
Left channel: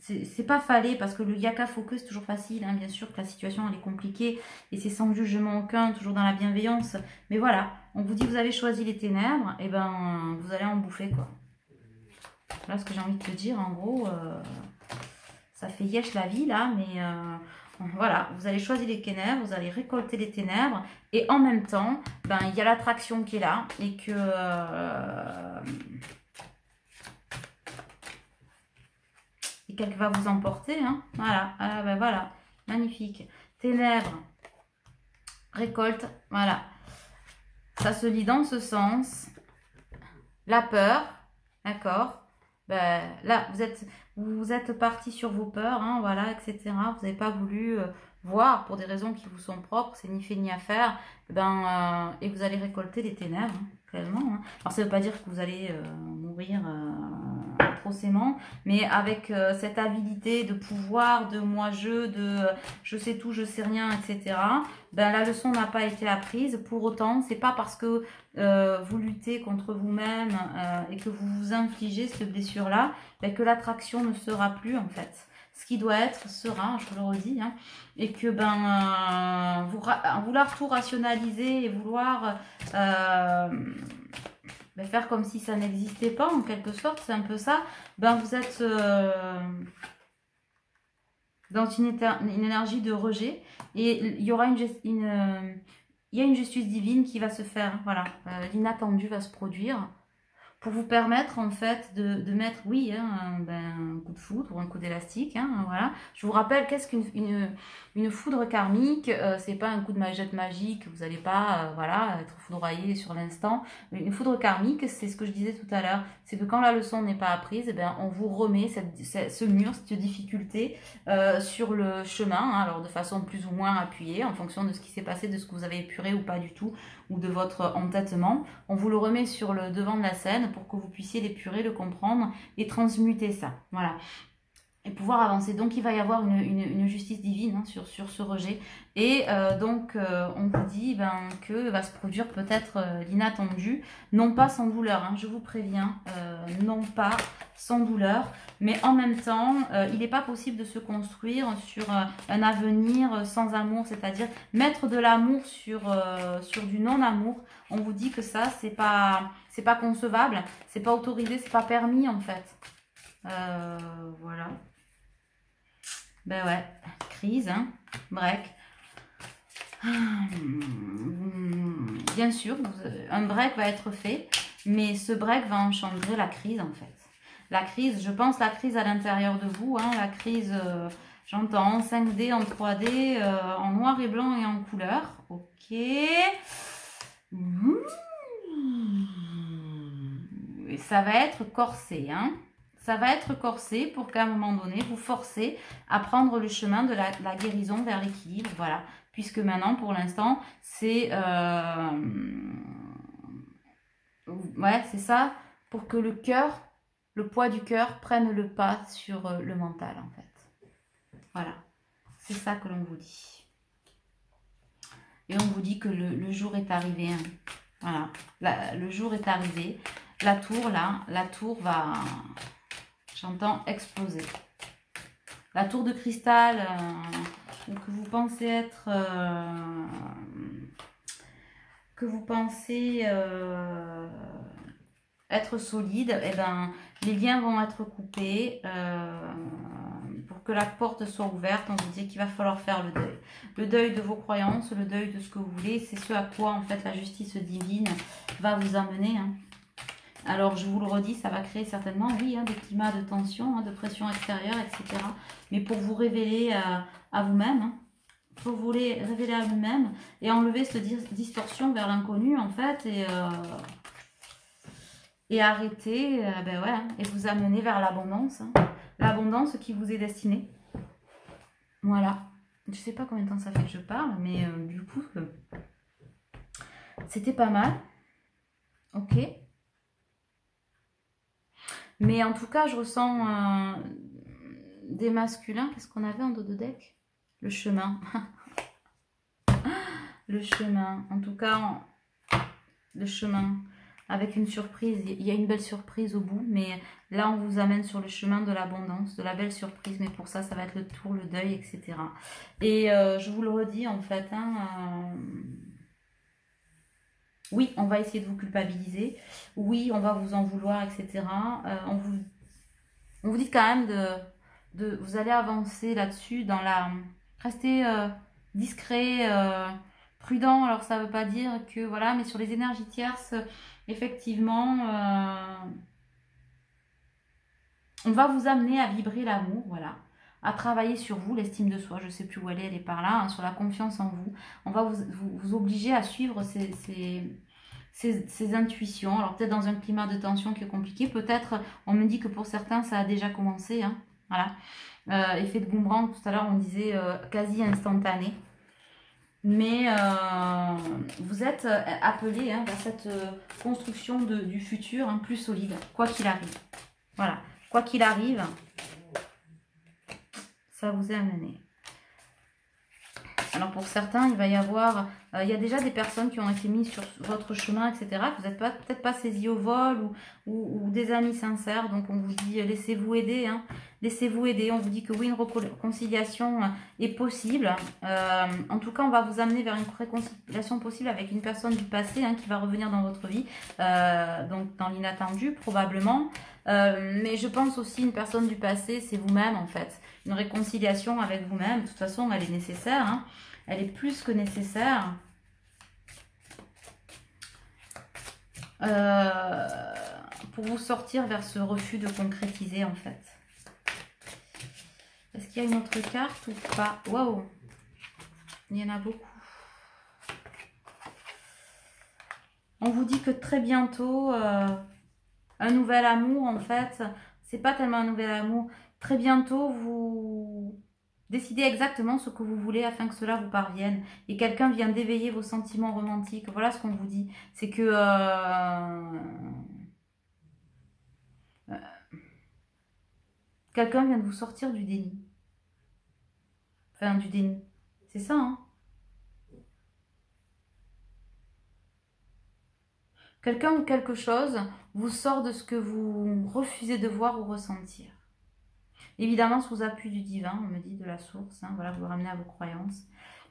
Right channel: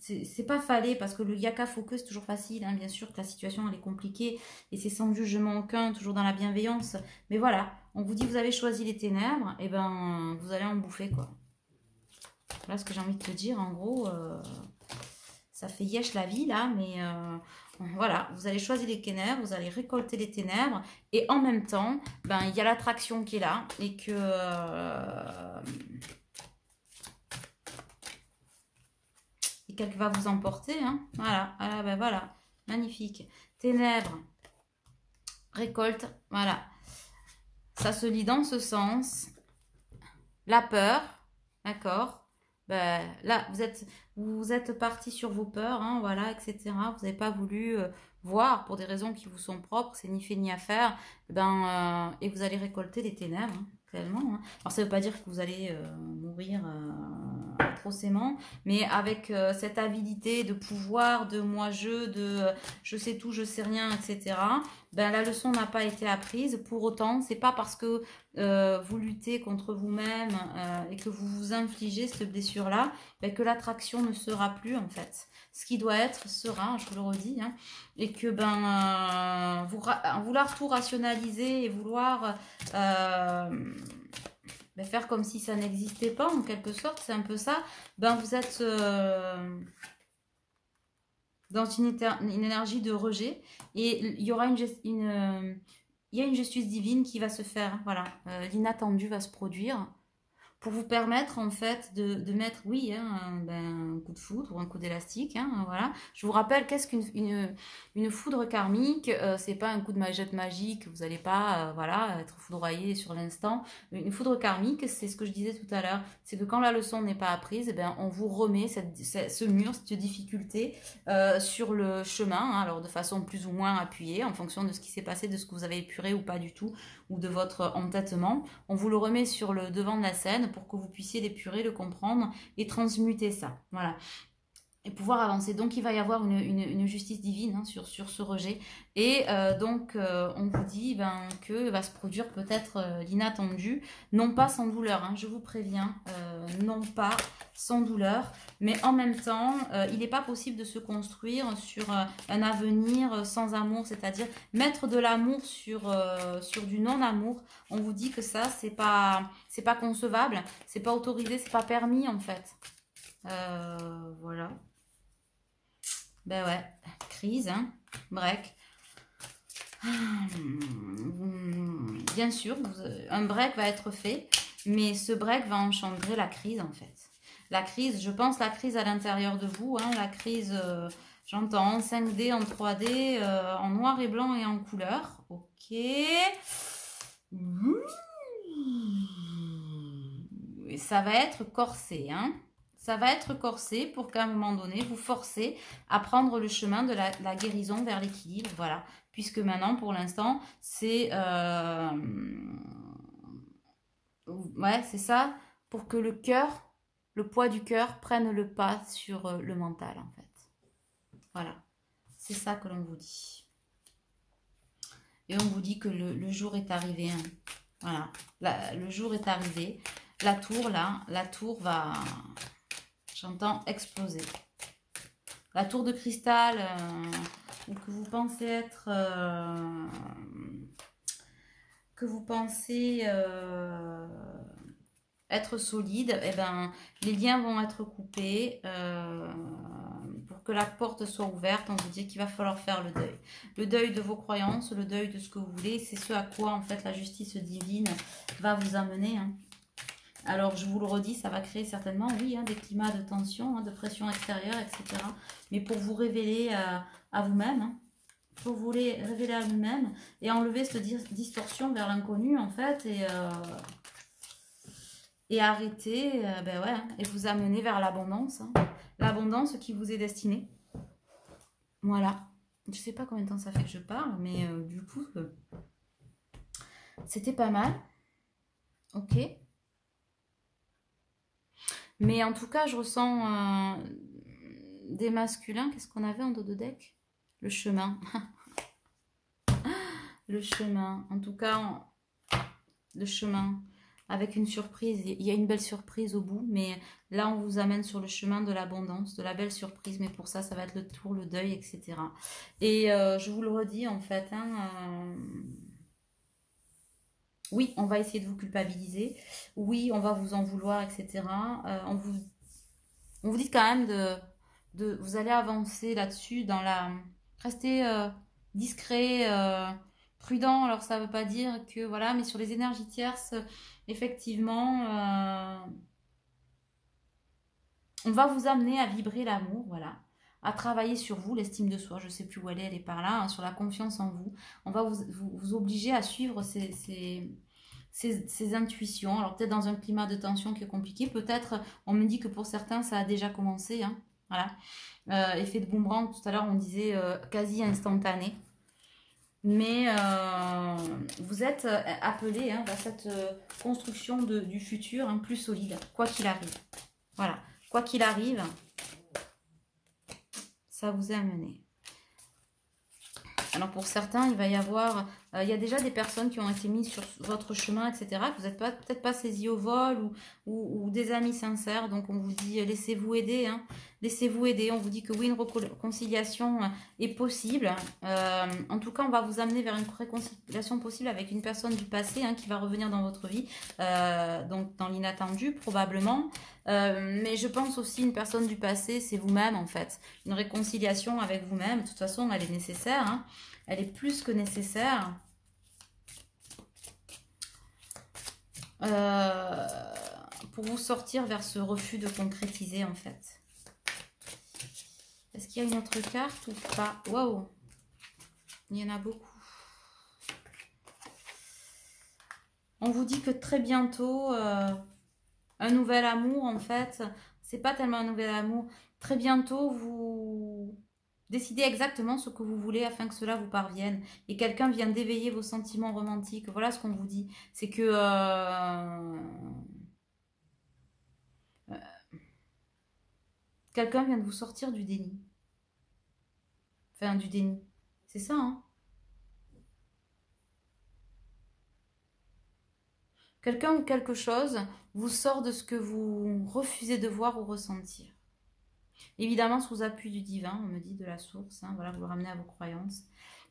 C'est pas fallait parce que le yaka focus c'est toujours facile, hein, bien sûr que la situation elle est compliquée et c'est sans jugement aucun, toujours dans la bienveillance. Mais voilà, on vous dit vous avez choisi les ténèbres, et vous allez en bouffer quoi. Voilà ce que j'ai envie de te dire, en gros, ça fait yesh la vie là, mais voilà, vous allez choisir les ténèbres, vous allez récolter les ténèbres, et en même temps, il y a l'attraction qui est là, et que... et qu'elle va vous emporter, hein. Voilà, voilà, magnifique. Ténèbres, récolte, voilà. Ça se lit dans ce sens. La peur, d'accord. Là, vous êtes parti sur vos peurs, hein, voilà, etc. Vous n'avez pas voulu voir pour des raisons qui vous sont propres, c'est ni fait ni à faire. Et vous allez récolter les ténèbres, hein, réellement. Hein. Alors, ça ne veut pas dire que vous allez mourir atrocement, mais avec cette avidité de pouvoir, de moi-je, de je sais tout, je sais rien, etc. La leçon n'a pas été apprise. Pour autant, c'est pas parce que vous luttez contre vous-même et que vous vous infligez cette blessure-là, que l'attraction ne sera plus en fait. Ce qui doit être sera, je vous le redis, hein, et que vouloir tout rationaliser et vouloir faire comme si ça n'existait pas en quelque sorte, c'est un peu ça. Vous êtes dans une énergie de rejet et il y aura une il y a une justice divine qui va se faire, voilà, l'inattendu va se produire pour vous permettre en fait de mettre, oui, hein, un coup de foudre ou un coup d'élastique, hein, voilà. Je vous rappelle, qu'est-ce une foudre karmique? C'est pas un coup de magette magique, vous n'allez pas, voilà, être foudroyé sur l'instant. Une foudre karmique, c'est ce que je disais tout à l'heure, c'est que quand la leçon n'est pas apprise, eh bien, on vous remet ce mur, cette difficulté sur le chemin, hein, alors de façon plus ou moins appuyée, en fonction de ce qui s'est passé, de ce que vous avez épuré ou pas du tout, ou de votre entêtement. On vous le remet sur le devant de la scène pour que vous puissiez l'épurer, le comprendre et transmuter ça. Voilà. Et pouvoir avancer. Donc, il va y avoir une justice divine, hein, sur ce rejet. Et donc, on vous dit que va se produire peut-être l'inattendu, non pas sans douleur, hein, je vous préviens, non pas sans douleur, mais en même temps, il n'est pas possible de se construire sur un avenir sans amour, c'est-à-dire mettre de l'amour sur du non-amour. On vous dit que ça, c'est pas concevable, c'est pas autorisé, c'est pas permis en fait. Voilà. Ben ouais, crise, hein, break. Bien sûr, un break va être fait, mais ce break va engendrer la crise en fait. La crise, je pense la crise à l'intérieur de vous, hein, la crise, j'entends en 5D, en 3D, en noir et blanc et en couleur. Ok. Et ça va être corsé, hein. Ça va être corsé pour qu'à un moment donné, vous forcez à prendre le chemin de la guérison vers l'équilibre. Voilà. Puisque maintenant, pour l'instant, c'est... ouais, c'est ça. Pour que le cœur, le poids du cœur prenne le pas sur le mental, en fait. Voilà. C'est ça que l'on vous dit. Et on vous dit que le jour est arrivé. Hein. Voilà. Le jour est arrivé. La tour, là, la tour va... J'entends exploser. La tour de cristal que vous pensez être... être solide, eh ben, les liens vont être coupés pour que la porte soit ouverte. On vous dit qu'il va falloir faire le deuil. Le deuil de vos croyances, le deuil de ce que vous voulez. C'est ce à quoi, en fait, la justice divine va vous amener, hein. Alors, je vous le redis, ça va créer certainement, oui, hein, des climats de tension, hein, de pression extérieure, etc. Mais pour vous révéler à vous-même, hein, pour vous révéler à vous-même et enlever cette distorsion vers l'inconnu, en fait, et arrêter, ben ouais, hein, et vous amener vers l'abondance, hein, l'abondance qui vous est destinée. Voilà. Je sais pas combien de temps ça fait que je parle, mais du coup, c'était pas mal. Ok. Mais en tout cas, je ressens des masculins. Qu'est-ce qu'on avait en dos de deck? Le chemin. Le chemin. En tout cas, le chemin. Avec une surprise. Il y a une belle surprise au bout. Mais là, on vous amène sur le chemin de l'abondance, de la belle surprise. Mais pour ça, ça va être le tour, le deuil, etc. Et je vous le redis, en fait, hein, oui, on va essayer de vous culpabiliser. Oui, on va vous en vouloir, etc. On vous dit quand même vous allez avancer là-dessus dans la... Rester discret, prudent. Alors, ça ne veut pas dire que... Voilà, mais sur les énergies tierces, effectivement, on va vous amener à vibrer l'amour, voilà. À travailler sur vous, l'estime de soi. Je ne sais plus où elle est par là, hein, sur la confiance en vous. On va vous obliger à suivre ces intuitions. Alors peut-être dans un climat de tension qui est compliqué. Peut-être, on me dit que pour certains, ça a déjà commencé. Hein, voilà. Effet de boomerang, tout à l'heure, on disait quasi instantané. Mais vous êtes appelé, hein, vers cette construction du futur, hein, plus solide, quoi qu'il arrive. Voilà. Quoi qu'il arrive, ça vous est amené. Alors pour certains, il va y avoir... il y a déjà des personnes qui ont été mises sur votre chemin, etc. Vous n'êtes peut-être pas saisis au vol ou des amis sincères. Donc on vous dit, laissez-vous aider. Hein. Laissez-vous aider. On vous dit que oui, une réconciliation est possible. En tout cas, on va vous amener vers une réconciliation possible avec une personne du passé, hein, qui va revenir dans votre vie. Donc dans l'inattendu, probablement. Mais je pense aussi une personne du passé, c'est vous-même en fait. Une réconciliation avec vous-même, de toute façon, elle est nécessaire. Hein. Elle est plus que nécessaire. euh, pour vous sortir vers ce refus de concrétiser en fait. Est-ce qu'il y a une autre carte ou pas? Waouh, il y en a beaucoup. On vous dit que très bientôt, un nouvel amour en fait, c'est pas tellement un nouvel amour. Très bientôt, vous décidez exactement ce que vous voulez afin que cela vous parvienne. Et quelqu'un vient d'éveiller vos sentiments romantiques. Voilà ce qu'on vous dit. C'est que quelqu'un vient de vous sortir du déni. Enfin, du déni. C'est ça, hein? Quelqu'un ou quelque chose vous sort de ce que vous refusez de voir ou ressentir. Évidemment, sous appui du divin, on me dit de la source, hein, voilà, vous le ramenez à vos croyances.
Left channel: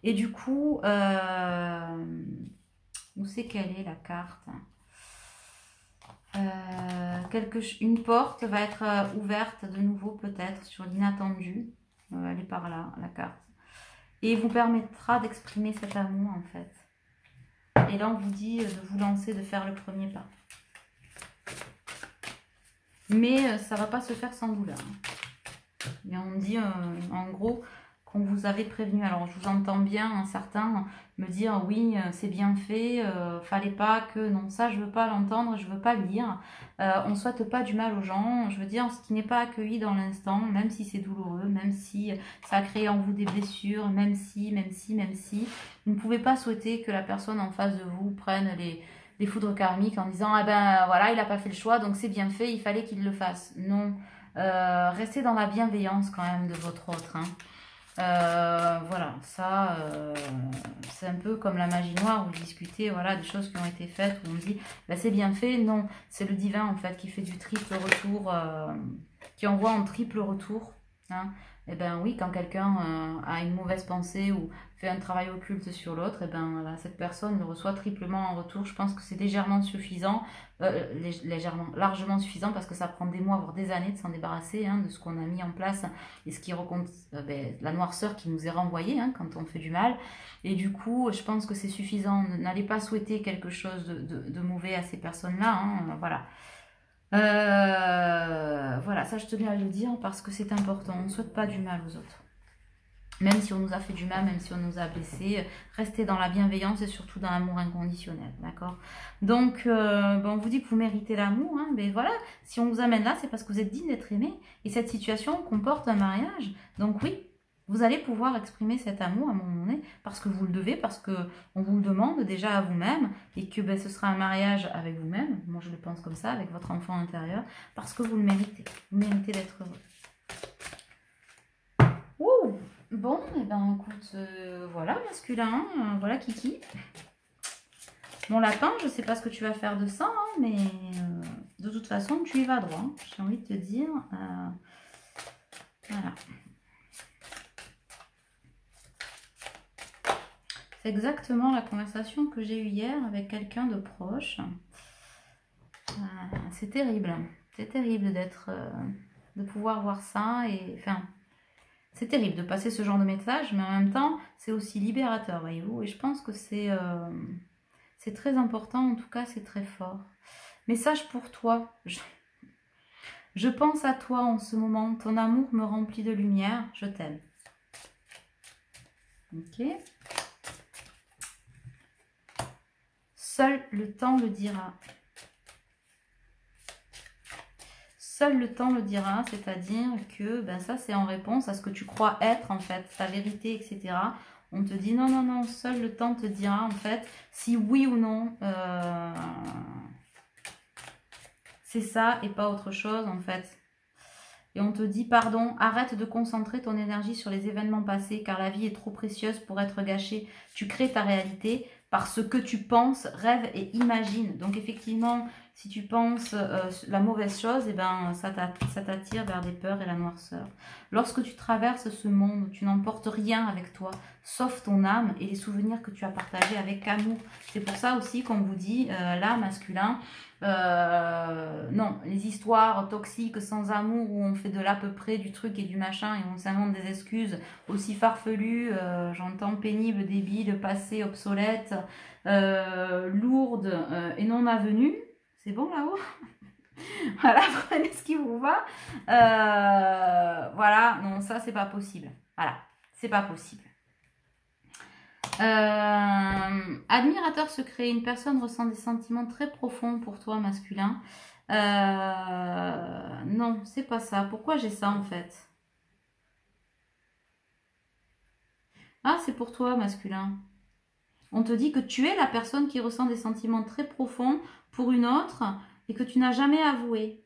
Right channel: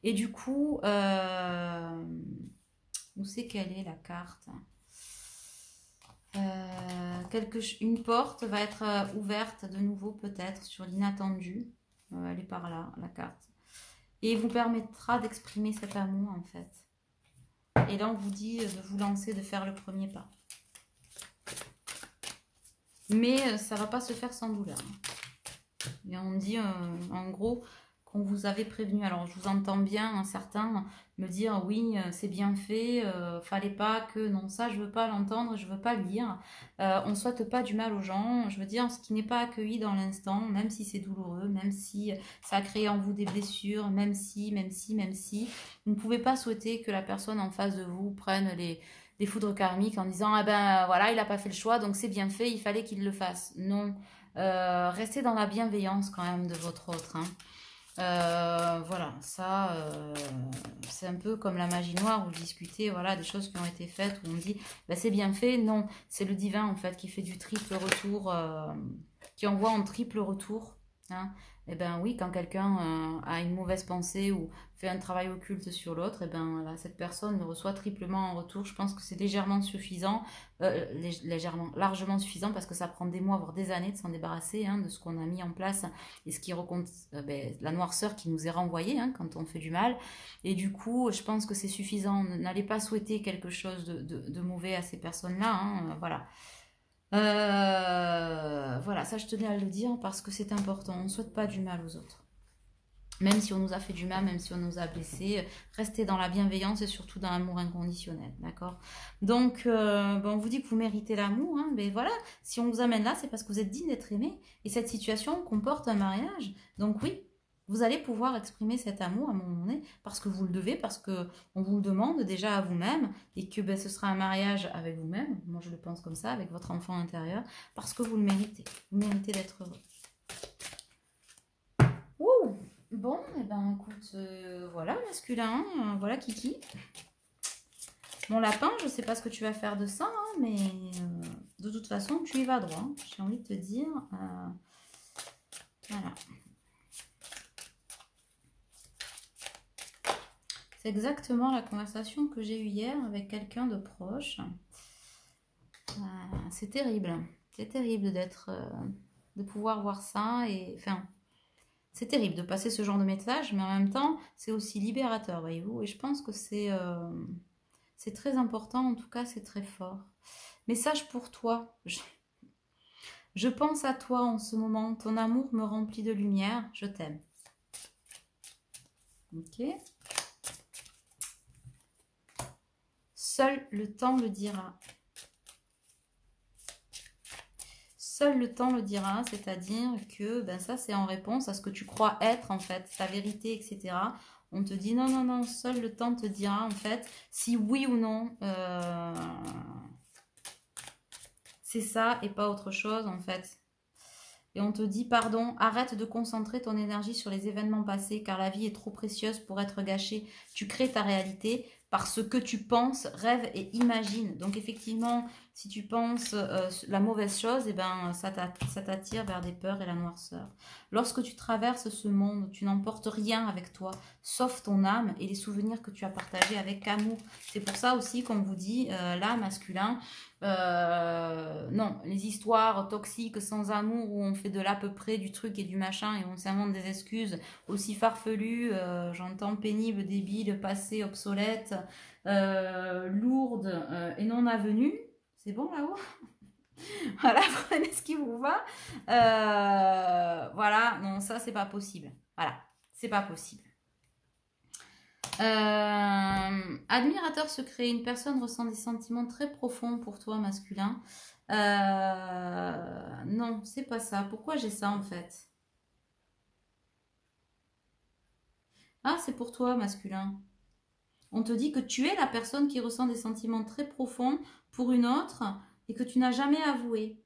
Et du coup, où c'est qu'elle est la carte? Une porte va être ouverte de nouveau peut-être sur l'inattendu. Elle est par là, la carte. Et vous permettra d'exprimer cet amour en fait. Et là, on vous dit de vous lancer, de faire le premier pas. Mais ça ne va pas se faire sans douleur. Et on dit en gros qu'on vous avait prévenu. Alors je vous entends bien un certain me dire oui c'est bien fait, fallait pas que, non ça je veux pas l'entendre, je veux pas le lire. On ne souhaite pas du mal aux gens, je veux dire ce qui n'est pas accueilli dans l'instant, même si c'est douloureux, même si ça a créé en vous des blessures, même si, vous ne pouvez pas souhaiter que la personne en face de vous prenne des foudres karmiques en disant ah ben voilà il n'a pas fait le choix donc c'est bien fait, il fallait qu'il le fasse. Non. Restez dans la bienveillance quand même de votre autre. Hein. Voilà, ça, c'est un peu comme la magie noire où vous discutez voilà, des choses qui ont été faites, où on dit bah, c'est bien fait. Non, c'est le divin en fait qui fait du triple retour, qui envoie en triple retour. Hein. Et ben oui, quand quelqu'un a une mauvaise pensée ou fait un travail occulte sur l'autre, et ben là, cette personne le reçoit triplement en retour. Je pense que c'est légèrement suffisant, largement suffisant parce que ça prend des mois, voire des années de s'en débarrasser hein, de ce qu'on a mis en place et ce qui raconte la noirceur qui nous est renvoyée hein, quand on fait du mal. Et du coup, je pense que c'est suffisant. N'allez pas souhaiter quelque chose de mauvais à ces personnes-là. Hein, voilà. Voilà, ça je tenais à le dire parce que c'est important. On ne souhaite pas du mal aux autres. Même si on nous a fait du mal, même si on nous a blessés, restez dans la bienveillance et surtout dans l'amour inconditionnel, d'accord? Donc, on vous dit que vous méritez l'amour, hein, mais voilà, si on vous amène là, c'est parce que vous êtes digne d'être aimé. Et cette situation comporte un mariage. Donc oui, vous allez pouvoir exprimer cet amour à un moment donné, parce que vous le devez, parce qu'on vous le demande déjà à vous-même, et que ce sera un mariage avec vous-même, moi je le pense comme ça, avec votre enfant intérieur, parce que vous le méritez. Vous méritez d'être heureux. Ouh! Bon, et ben écoute, voilà masculin, voilà Kiki. Mon lapin, je sais pas ce que tu vas faire de ça, hein, mais de toute façon, tu y vas droit. Hein, j'ai envie de te dire. Voilà. C'est exactement la conversation que j'ai eue hier avec quelqu'un de proche. C'est terrible. C'est terrible d'être, de pouvoir voir ça et enfin. C'est terrible de passer ce genre de message, mais en même temps, c'est aussi libérateur, voyez-vous. Et je pense que c'est très important, en tout cas, c'est très fort. Message pour toi. Je pense à toi en ce moment. Ton amour me remplit de lumière. Je t'aime. Ok. Seul le temps le dira. Seul le temps le dira, c'est-à-dire que ben ça c'est en réponse à ce que tu crois être en fait, ta vérité, etc. On te dit non, non, non, seul le temps te dira en fait si oui ou non c'est ça et pas autre chose en fait. Et on te dit pardon, arrête de concentrer ton énergie sur les événements passés car la vie est trop précieuse pour être gâchée. Tu crées ta réalité par ce que tu penses, rêves et imagines. Donc effectivement, si tu penses la mauvaise chose, eh ben, ça t'attire vers des peurs et la noirceur. Lorsque tu traverses ce monde, tu n'emportes rien avec toi, sauf ton âme et les souvenirs que tu as partagés avec amour. C'est pour ça aussi qu'on vous dit, là, masculin, non, les histoires toxiques sans amour où on fait de l'à peu près du truc et du machin et on s'invente des excuses aussi farfelues, j'entends pénible, débile, passé, obsolète, lourde et non avenue. C'est bon là-haut? Voilà, prenez ce qui vous va. Voilà, non, ça, c'est pas possible. Voilà, c'est pas possible. Admirateur secret, une personne ressent des sentiments très profonds pour toi, masculin. Non, c'est pas ça. Pourquoi j'ai ça en fait? Ah, c'est pour toi, masculin. On te dit que tu es la personne qui ressent des sentiments très profonds pour une autre et que tu n'as jamais avoué.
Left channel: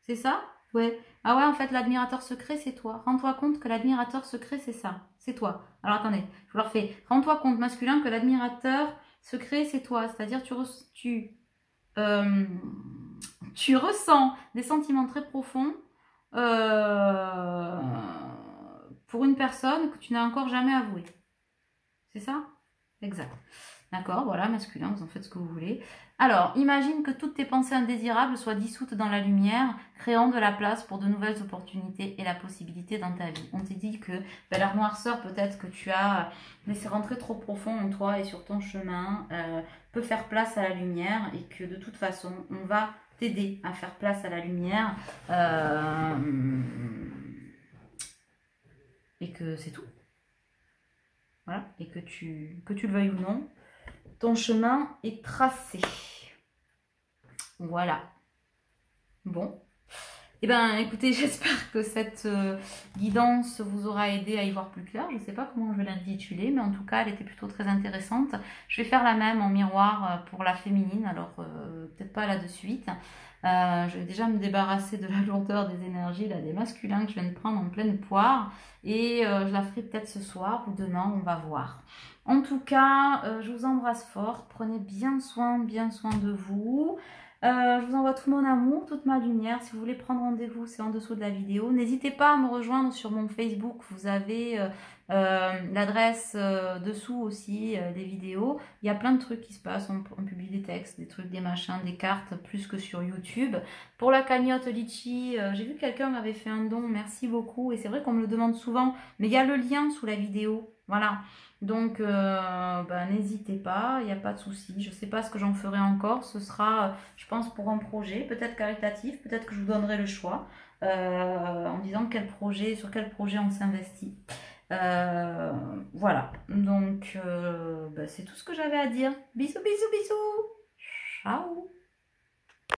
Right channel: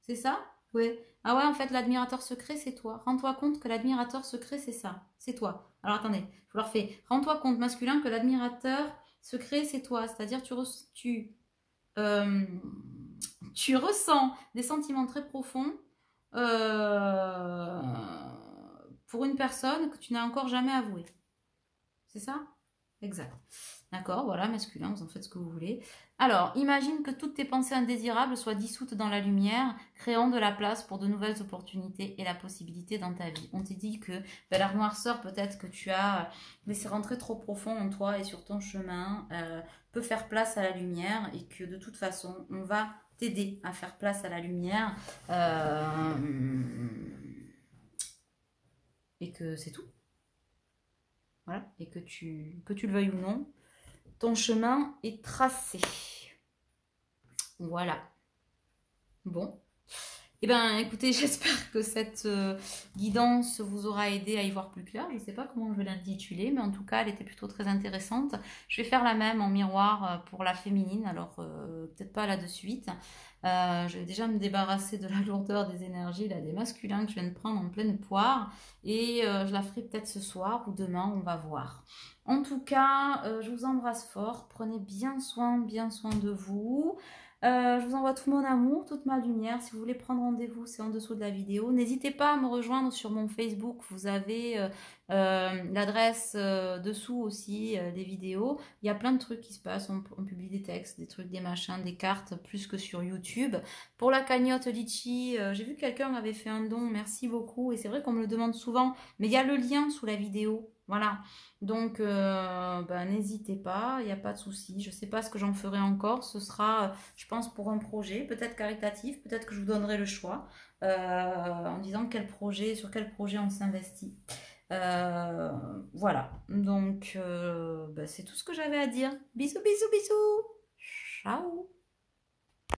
C'est ça? Ouais. Ah ouais, en fait, l'admirateur secret, c'est toi. Rends-toi compte que l'admirateur secret, c'est ça. C'est toi. Alors attendez, je vous le refais. Rends-toi compte, masculin, que l'admirateur secret, c'est toi. C'est-à-dire, euh, tu ressens des sentiments très profonds euh, pour une personne que tu n'as encore jamais avoué. C'est ça? Exact. D'accord, voilà, masculin, vous en faites ce que vous voulez. Alors, imagine que toutes tes pensées indésirables soient dissoutes dans la lumière, créant de la place pour de nouvelles opportunités et la possibilité dans ta vie. On t'a dit que ben, la noirceur, peut-être que tu as laissé rentrer trop profond en toi et sur ton chemin, peut faire place à la lumière et que de toute façon, on va t'aider à faire place à la lumière. Et que c'est tout. Voilà, et que tu le veuilles ou non, ton chemin est tracé. Voilà. Bon. Eh bien, écoutez, j'espère que cette guidance vous aura aidé à y voir plus clair. Je ne sais pas comment je vais l'intituler, mais en tout cas, elle était plutôt très intéressante. Je vais faire la même en miroir pour la féminine, alors peut-être pas là de suite. Je vais déjà me débarrasser de la lourdeur des énergies, là, des masculins que je viens de prendre en pleine poire. Et je la ferai peut-être ce soir ou demain, on va voir. En tout cas, je vous embrasse fort. Prenez bien soin de vous. Je vous envoie tout mon amour, toute ma lumière. Si vous voulez prendre rendez-vous, c'est en dessous de la vidéo. N'hésitez pas à me rejoindre sur mon Facebook. Vous avez l'adresse dessous aussi, des vidéos. Il y a plein de trucs qui se passent. On publie des textes, des trucs, des machins, des cartes, plus que sur YouTube. Pour la cagnotte Litchi, j'ai vu que quelqu'un m'avait fait un don. Merci beaucoup. Et c'est vrai qu'on me le demande souvent. Mais il y a le lien sous la vidéo. Voilà. Donc, n'hésitez pas, il n'y a pas de souci. Je ne sais pas ce que j'en ferai encore. Ce sera, je pense, pour un projet, peut-être caritatif, peut-être que je vous donnerai le choix en disant sur quel projet on s'investit. Voilà, donc c'est tout ce que j'avais à dire. Bisous, bisous, bisous. Ciao.